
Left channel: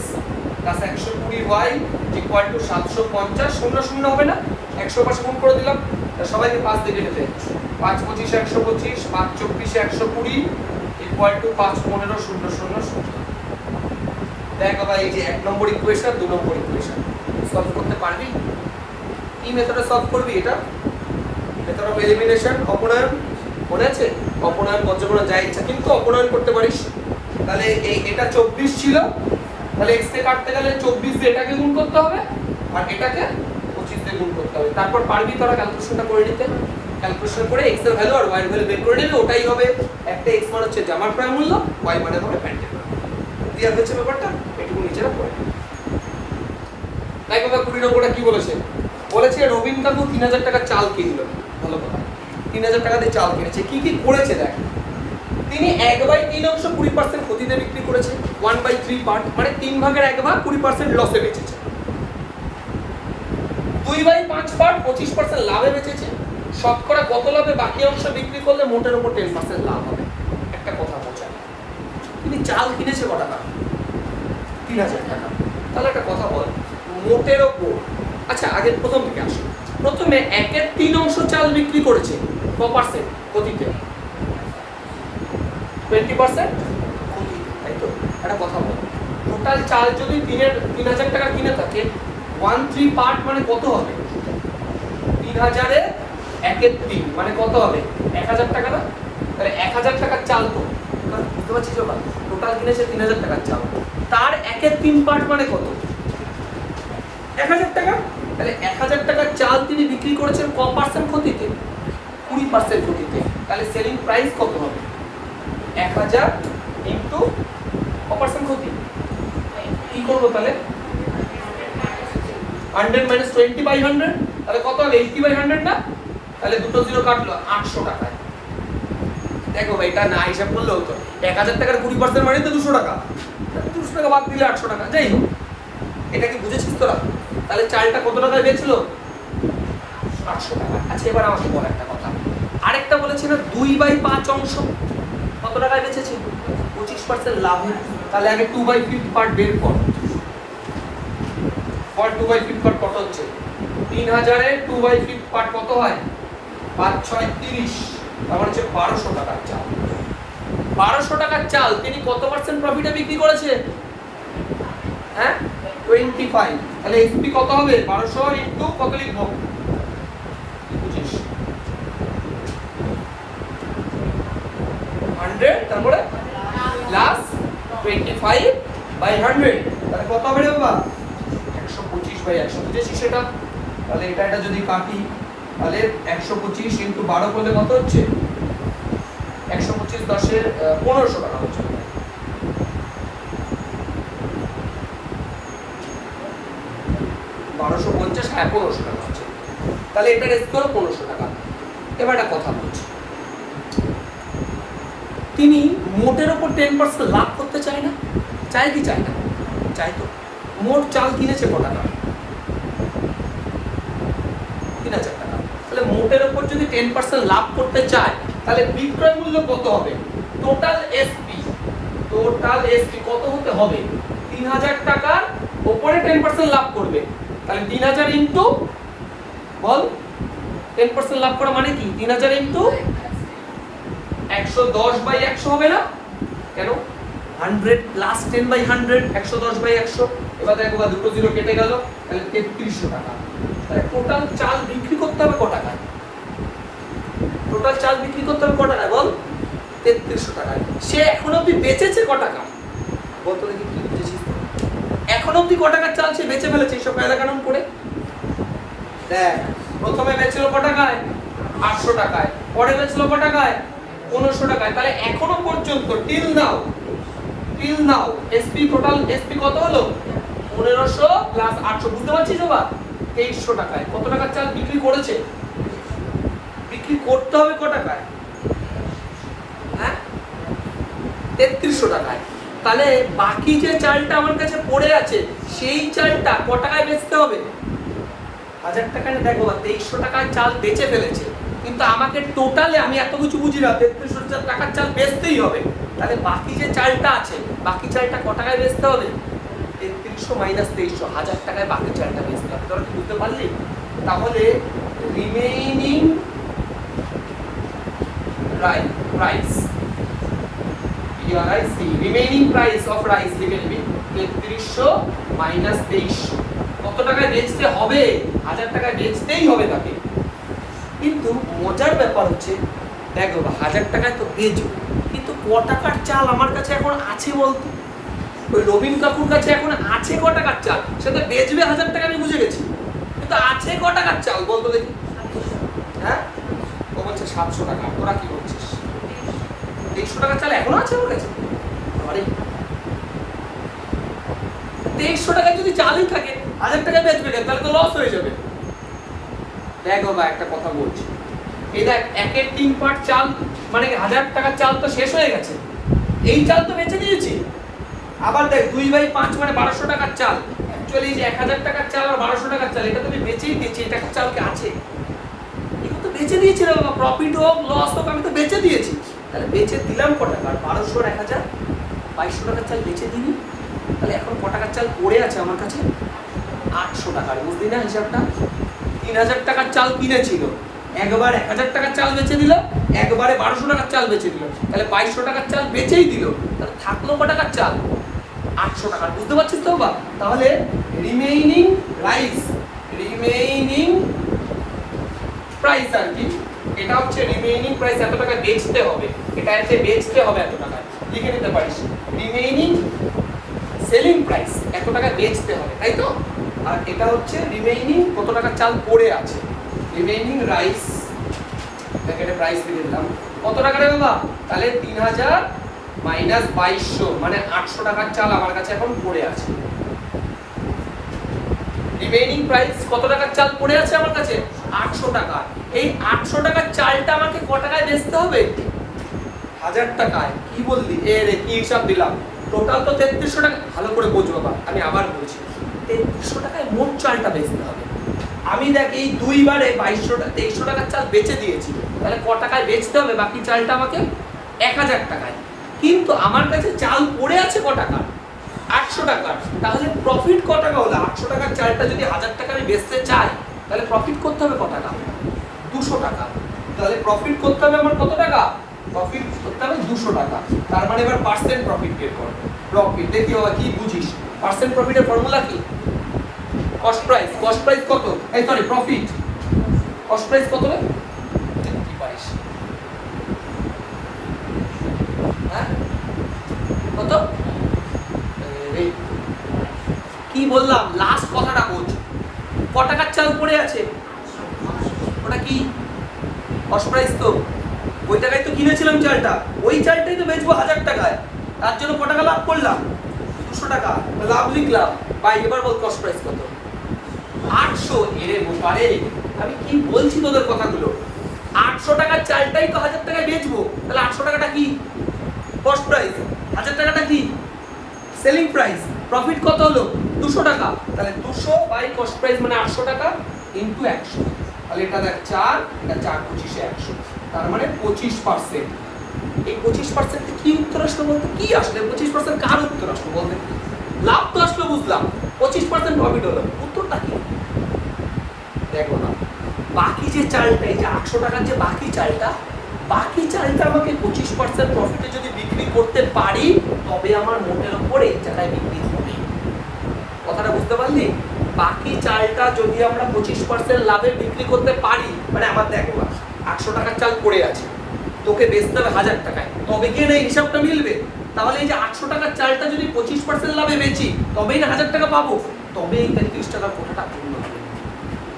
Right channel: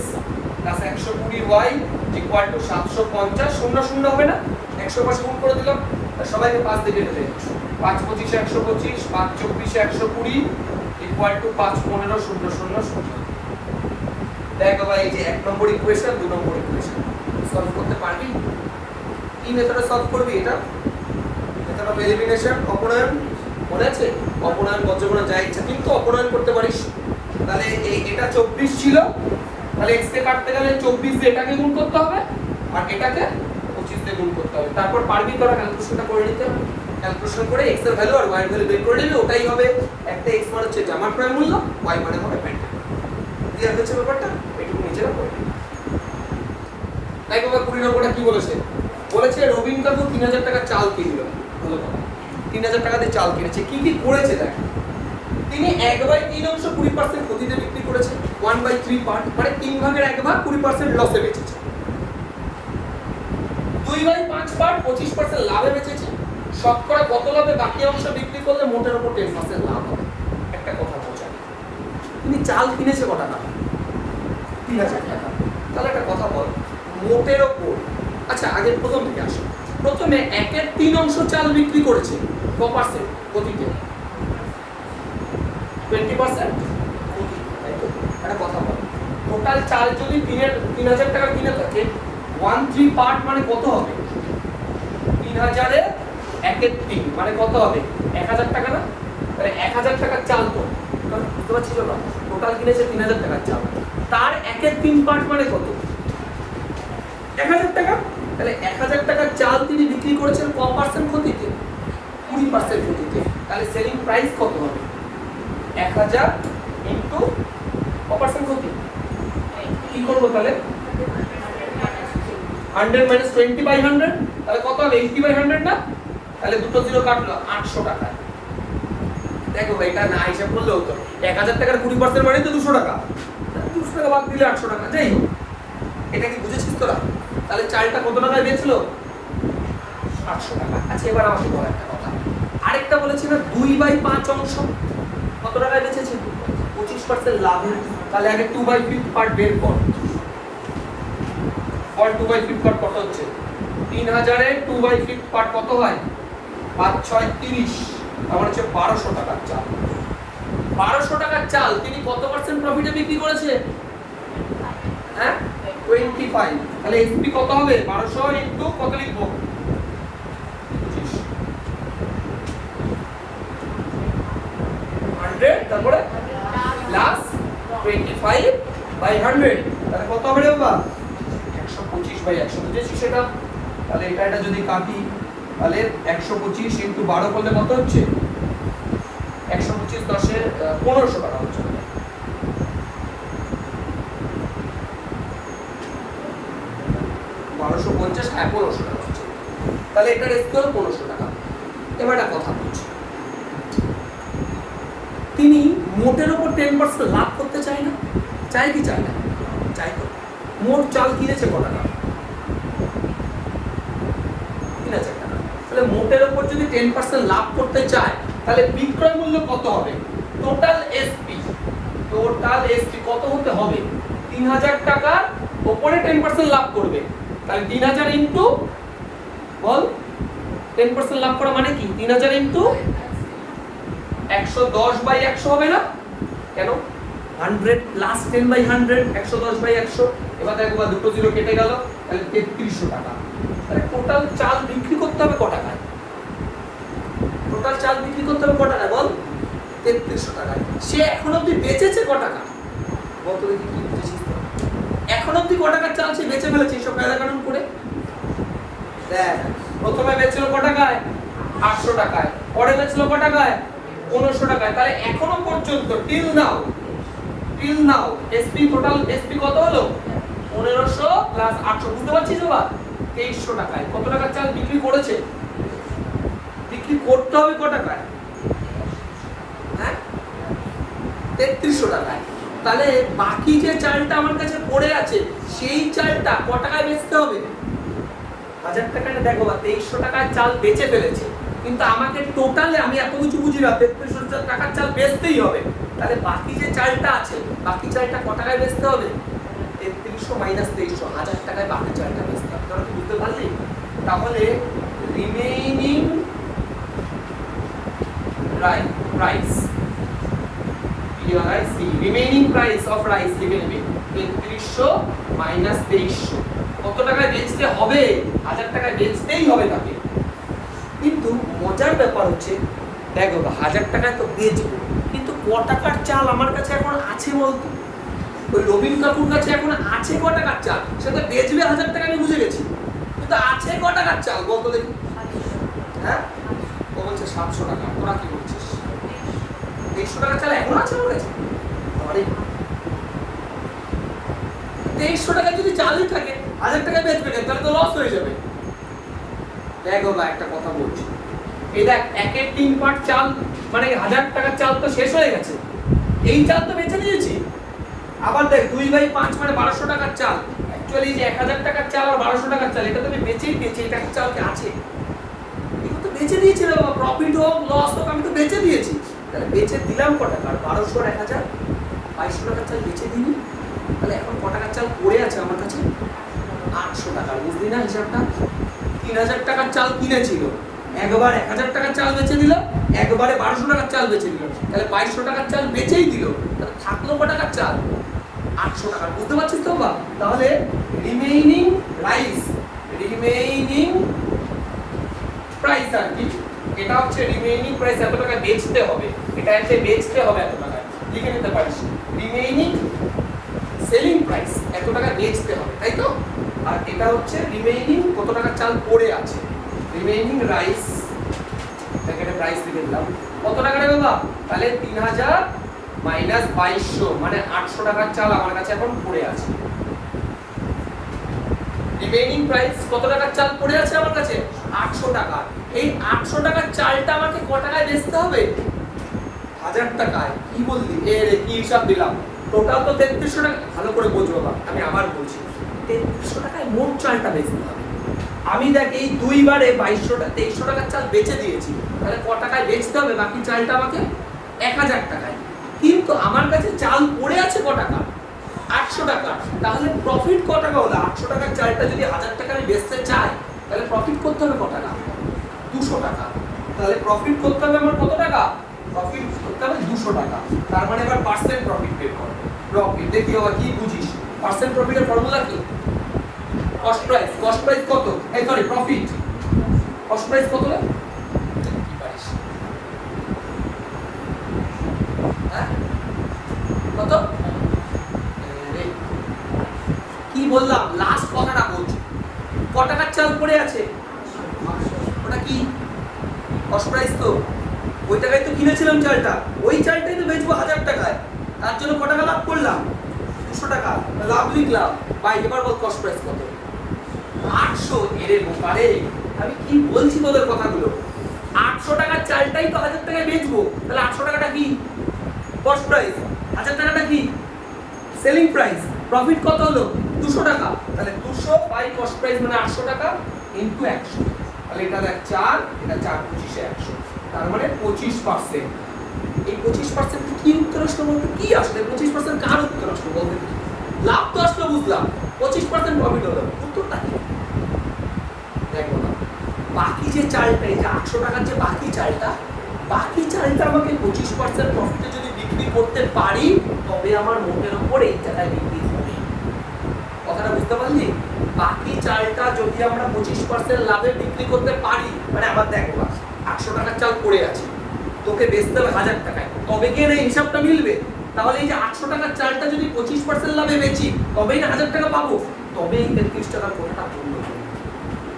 plus 120y equal to 750, 0 0 হবে না, 100 পাশে গুণ করে দিলাম, সবাইকে 5 দিয়ে কেটে দেয়, 5 25 125, 5 24 120 ইকুয়াল টু 5 15 0 0 0। দেখো ভাই এই যে 1 নম্বর ইকুয়েশন 2 নম্বর ইকুয়েশন সলভ করতে পারবি? কি মেথডে সলভ করবি? এটা মেথড অফ এলিমিনেশন, অপনয়ন, মনে আছে? অপনয়ন বজ্রগণ যা ইচ্ছা কিন্তু অপনয়ন করতে পারিস। তাহলে এটা 24 ছিল, তাহলে x কে কাটতে গেলে 24 দিয়ে এটাকে গুণ করতে হবে আর এটাকে 25 দিয়ে গুণ করতে হবে, তারপর পারবি তোরা ক্যালকুলেশনটা করে নিতে, ক্যালকুলেশন করে এক্স এর ভ্যালু আর ওয়াই এর ভ্যালু বের করে নিবি, ওটাই হবে একটা এক্স মানে হচ্ছে জামার ক্রয় মূল্য, ওয়াই মানে হবে প্যান্টের ক্লিয়ার হয়েছে ব্যাপারটা, এটুকু নিজেরা পড়ে। তাই বাবা 20 নম্বরটা কি বলেছে, বলেছে রবিন কাকু 3000 টাকা চাল কিনলো, ভালো কথা, 3000 টাকা দিয়ে চাল কিনেছে, কি কি করেছে দেখ, তিনি 1/3 অংশ 20% ক্ষতিতে বিক্রি করেছে, 1/3 পার্ট মানে 3 ভাগের 1 ভাগ 20% লসে বেচেছে, 2/5 পার্ট 25% লাভে বেচেছে, শতকরা কত লাভে বাকি অংশ বিক্রি করলে মোটের উপর 10% লাভ হবে। একটা কথা বোঝা, তিনি চাল কিনেছে কত টাকা, 3000 টাকা, তাহলে একটা কথা বল মোটের উপর, আচ্ছা আগে প্রথম থেকে আসো, প্রথমে 1/3 অংশ চাল বিক্রি করেছে ক পার্সেন্ট ক্ষতিতে, 20% ক্ষতি, তাই তো? একটা কথা বল, টোটাল চাল যদি 3000 টাকা কিনে থাকে 1/3 পার্ট মানে কত হবে, 3000 এর 1/3 মানে কত হবে 1000 টাকা না, তাহলে 1000 টাকার চাল তো, কারণ বুঝতে পারছিস না, টোটাল কিনেছে 3000 টাকার চাল, তার 1/3 পার্ট মানে কত 1000 টাকা, তাহলে 1000 টাকার চাল তিনি বিক্রি করেছেন ক পার্সেন্ট ক্ষতিতে, 20% ক্ষতিতে, তাহলে সেলিং প্রাইস কত হবে 1000 ইনটু ক পার্সেন্ট ক্ষতি, কি করবো তাহলে 100 মাইনাস 20/100, তাহলে কত হবে 80/100 না, তাহলে দুটো জিরো কাটলো 800 টাকা। দেখো ভাই এটা না হিসাব করলে হতো 1000 টাকার 20% মানে তো 200 টাকা, 200 টাকা বাদ দিলে 800 টাকা, যাই হোক এটা কি বুঝেছিস তোরা, তাহলে চালটা কত টাকায় বেচছিল 800 টাকা। আচ্ছা এবার আমাকে বল একটা কথা, আরেকটা বলেছি না 2/5 অংশ কত টাকায় বেচেছে 25% লাভ, তাহলে আগে 2/5 পার্ট বের কর, ফর 2/5 পার্ট কত হচ্ছে 3000 এ 2/5 পার্ট কত হয় 5 6 30, তার মানে হচ্ছে 1200 টাকার চাল, 1200 টাকার চাল তিনি কত পার্সেন্ট প্রফিটে বিক্রি করেছে, হ্যাঁ 25, তাহলে এসপি কত হবে 1200 ইনটু কত লিখবো 25, 100 তারপরে প্লাস 25/100, তাহলে কত হবে রে বাবা 125/100, বুঝেছিস সেটা, তাহলে এটা যদি কাটি তাহলে 125 ইনটু 12 করলে কত হচ্ছে 125 10 এর 1500 টাকা হচ্ছে, 1250 1500 টাকা হচ্ছে, তাহলে এটার স্কোর 1500 টাকা। এবার একটা কথা বলছি, তিনি মোটের উপর 10% লাভ করতে চায় না, চায় কি চায় না, চাই তো, মোট চাল কিনেছে কত টাকা 3000 টাকা, তাহলে মোটের উপর যদি 10% লাভ করতে চায় তাহলে বিক্রয় মূল্য কত হবে, টোটাল এসপি কত হতে হবে 3000 টাকার উপরে 10% লাভ করবে, তাহলে 3000 ইনটু বল 10% লাভ করা মানে কি 3000 ইনটু 110/100 হবে না, কেন 100 প্লাস 10/100 110/100, এবার দেখো দুটো জিরো কেটে গেল, তাহলে 3300 টাকা, তাহলে টোটাল চাল বিক্রি করতে হবে ক টাকায়, টোটাল চাল বিক্রি করতে হবে ক টাকায় বল 3300 টাকায়, সে এখন অবধি বেচেছে ক টাকা বল তো দেখি, কি বুঝেছিস এখন অবধি ক টাকার চাল সে বেচে ফেলেছে এইসব কায়দা কানুন করে, দেখ প্রথমে বেচছিল ক টাকায় 800 টাকায়, পরে বেচলো ক টাকায় 1500 টাকায়, তাহলে এখনো পর্যন্ত till now SP total SP কত হলো 1500 প্লাস 800, বুঝতে পারছিস বাবা 2300 টাকায় কত টাকার চাল বিক্রি করেছে, বিক্রি করতে হবে ক টাকায়, হ্যাঁ 3300 টাকায়, তাহলে বাকি যে চালটা আমার কাছে পড়ে আছে সেই চালটা ক টাকায় বেচতে হবে 1000 টাকায়, না দেখো 2300 টাকায় চাল বেচে ফেলেছে, কিন্তু আমাকে টোটালে আমি এত কিছু বুঝি না 3300 টাকার চাল বেচতেই হবে, তাহলে বাকি যে চালটা আছে বাকি চালটা ক টাকায় বেচতে হবে 3300 মাইনাস 2300, 1000 টাকায় বাকি চালটা বেচতে হবে, তোরা কি বুঝতে পারলি, তাহলে remaining price remaining price of rice লিখে নেবে 3300 মাইনাস 2300, কত টাকায় বেচতে হবে 1000 টাকায় বেচতেই হবে তাকে, কিন্তু মজার ব্যাপার হচ্ছে দেখো 1000 টাকায় তো বেচবো, কিন্তু ক টাকার চাল আমার কাছে এখন আছে বলতো, ওই রবিন কাকুর কাছে এখন আছে ক টাকার চাল, সে তো বেচবে 1000 টাকা আমি বুঝে গেছি, কিন্তু আছে ক টাকার চাল বলতো দেখি? হ্যাঁ, ও বলছে 700 টাকা। তোরা কি করছিস? 2300 টাকার চাল এখনো আছে ওর কাছে? আরে 2300 টাকা যদি চালই থাকে 1000 টাকা বেচবে কেন? তাহলে তো লস হয়ে যাবে। দেখো বা একটা কথা বলছি, এই দেখ একের 3 পার্ট চাল মানে 1000 টাকার চাল তো শেষ হয়ে গেছে, এই চাল তো বেচে দিয়েছি। আবার দেখ 2/5 মানে 1200 টাকার চাল, অ্যাকচুয়ালি যে 1000 টাকার চাল আর 1200 টাকার চাল এটা তো আমি বেচেই দিয়েছি। এই টাকার চাল কি আছে? এটা তো বেচে দিয়েছি রে বাবা, প্রফিট হোক লস হোক আমি তো বেচে দিয়েছি। তাহলে বেচে দিলাম ক টাকা? 1200 আর 1000 2200 টাকার চাল বেচে দিই। তাহলে এখন ক টাকার চাল পড়ে আছে আমার কাছে? 800 টাকার। বুঝলি না হিসাবটা? 3000 টাকার চাল কিনেছিল, একবার 1000 টাকার চাল বেচে দিল, একবারে 1200 টাকার চাল বেচে দিল, তাহলে 2200 টাকার চাল বেচেই দিল। তাহলে থাকলো ক টাকার চাল? 800 টাকার। বুঝতে পারছিস তো বাবা? তাহলে রিমেইনিং প্রাইস আর কি, এটা হচ্ছে রিমেইনিং প্রাইস, এত টাকা বেচতে হবে, এটা এতে বেচতে হবে এত টাকা, লিখে নিতে পারিস। রিমেইনিং সেলিং প্রাইস এত টাকা বেচতে হবে, তাই তো? আর এটা হচ্ছে রিমেইনিং কত টাকা চাল পড়ে আছে, রিমেইনিং রাইস, এখানে প্রাইস লিখে দিলাম। কত টাকা রে বাবা? তাহলে 3000 মাইনাস 2200 মানে 800 টাকার চাল আমার কাছে এখন পড়ে আছে। রিমেইনিং প্রাইস কত টাকার চাল পড়ে আছে আমার কাছে? 800 টাকা। এই 800 টাকার চালটা আমাকে ক টাকায় বেচতে হবে? 1000 টাকায়। কি বললি? এ রে কি হিসাব দিলাম? টোটাল তো 3300 টাকা। ভালো করে বোঝ বাবা, আমি আবার বলছি, 3300 টাকায় মোট চালটা বেচতে হবে। আমি দেখ এই দুইবারে 2300 টাকার চাল বেচে দিয়েছি, তাহলে ক টাকায় বেচতে হবে বাকি চালটা আমাকে? 1000 টাকায়। কিন্তু আমার কাছে চাল পড়ে আছে ক টাকা? 800 টাকা। তাহলে প্রফিট ক টাকা হলো? 800 টাকার চালটা যদি 1000 টাকা আমি বেচতে চাই তাহলে প্রফিট করতে হবে ক টাকা? 200 টাকা। তাহলে প্রফিট করতে হবে আমার কত টাকা? প্রফিট করতে হবে 200 টাকা। তার মানে এবার পার্সেন্ট প্রফিট বের করো। প্রফিট দেখি বাবা কি বুঝিস? পার্সেন্ট প্রফিটের ফর্মুলা কি? Cost price. কস্ট প্রাইস কত? এই সরি প্রফিট। কস্ট প্রাইস কত রে? কি পারিস? হ্যাঁ কত? কি বললাম? লাস্ট কথাটা বলছি, ক টাকার চাল পড়ে আছে? ওটা কি কস্ট প্রাইস? তো ওই টাকায় তো কিনেছিলাম চালটা, ওই চালটাই তো বেচবো 1000 টাকায়, তার জন্য ক টাকা লাভ করলাম? 200 টাকা লাভ লিখলাম। ভাই এবার বল কস্ট প্রাইস কত? 800। এরে বোপারে, আমি কি বলছি তোদের কথাগুলো? 800 টাকার চালটাই তো 1000 টাকায় বেচবো, তাহলে 800 টাকাটা কি কস্ট প্রাইস, 1000 টাকাটা কি সেলিং প্রাইস। প্রফিট কত হলো? 200 টাকা। তাহলে 200 বাই কস্ট প্রাইস মানে 800 টাকা ইনটু 100। তাহলে এটা দেখ 4, এটা 4 25 100, তার মানে 25%। এই 25% কি উত্তর আসলো বলতে? কি আসলে 25% কার উত্তর আসলো বলতে? লাভ তো আসলো বুঝলাম, 25% প্রফিট হলো, উত্তরটা কি? দেখো না, বাকি যে চালটা, এই যে 800 টাকার যে বাকি চালটা আমাকে 25% প্রফিটে যদি বিক্রি করতে পারি তবে আমার মোটের উপর এই জায়গায় বিক্রি হবে। কথাটা বুঝতে পারলি? বাকি চালটা যদি আমরা 25% লাভে বিক্রি করতে পারি, মানে আমার দেখো 800 টাকার চাল পড়ে আছে, তোকে বেচতে হবে 1000 টাকায়, তবে গিয়ে এই হিসাবটা মিলবে। তাহলে এই যে 800 টাকার চালটা যদি 25% লাভে বেচি তবেই না 1000 টাকা পাবো, তবে এই 33 টাকার কোটাটা পূর্ণ হবে।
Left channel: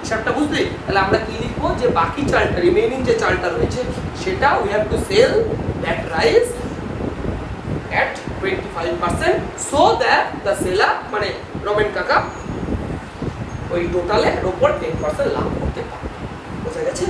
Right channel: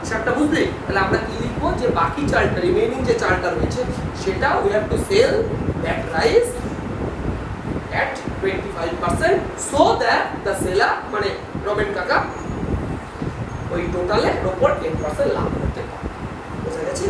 হিসাবটা বুঝলি? তাহলে আমরা কি লিখবো? যে বাকি চালটা, রিমেইনিং যে চালটা রয়েছে সেটা we have to sell that rice at 25% so that the seller মানে রমেন কাকা ওই টোটালের উপর 10% লাভ করতে পারে। বুঝা গেছে?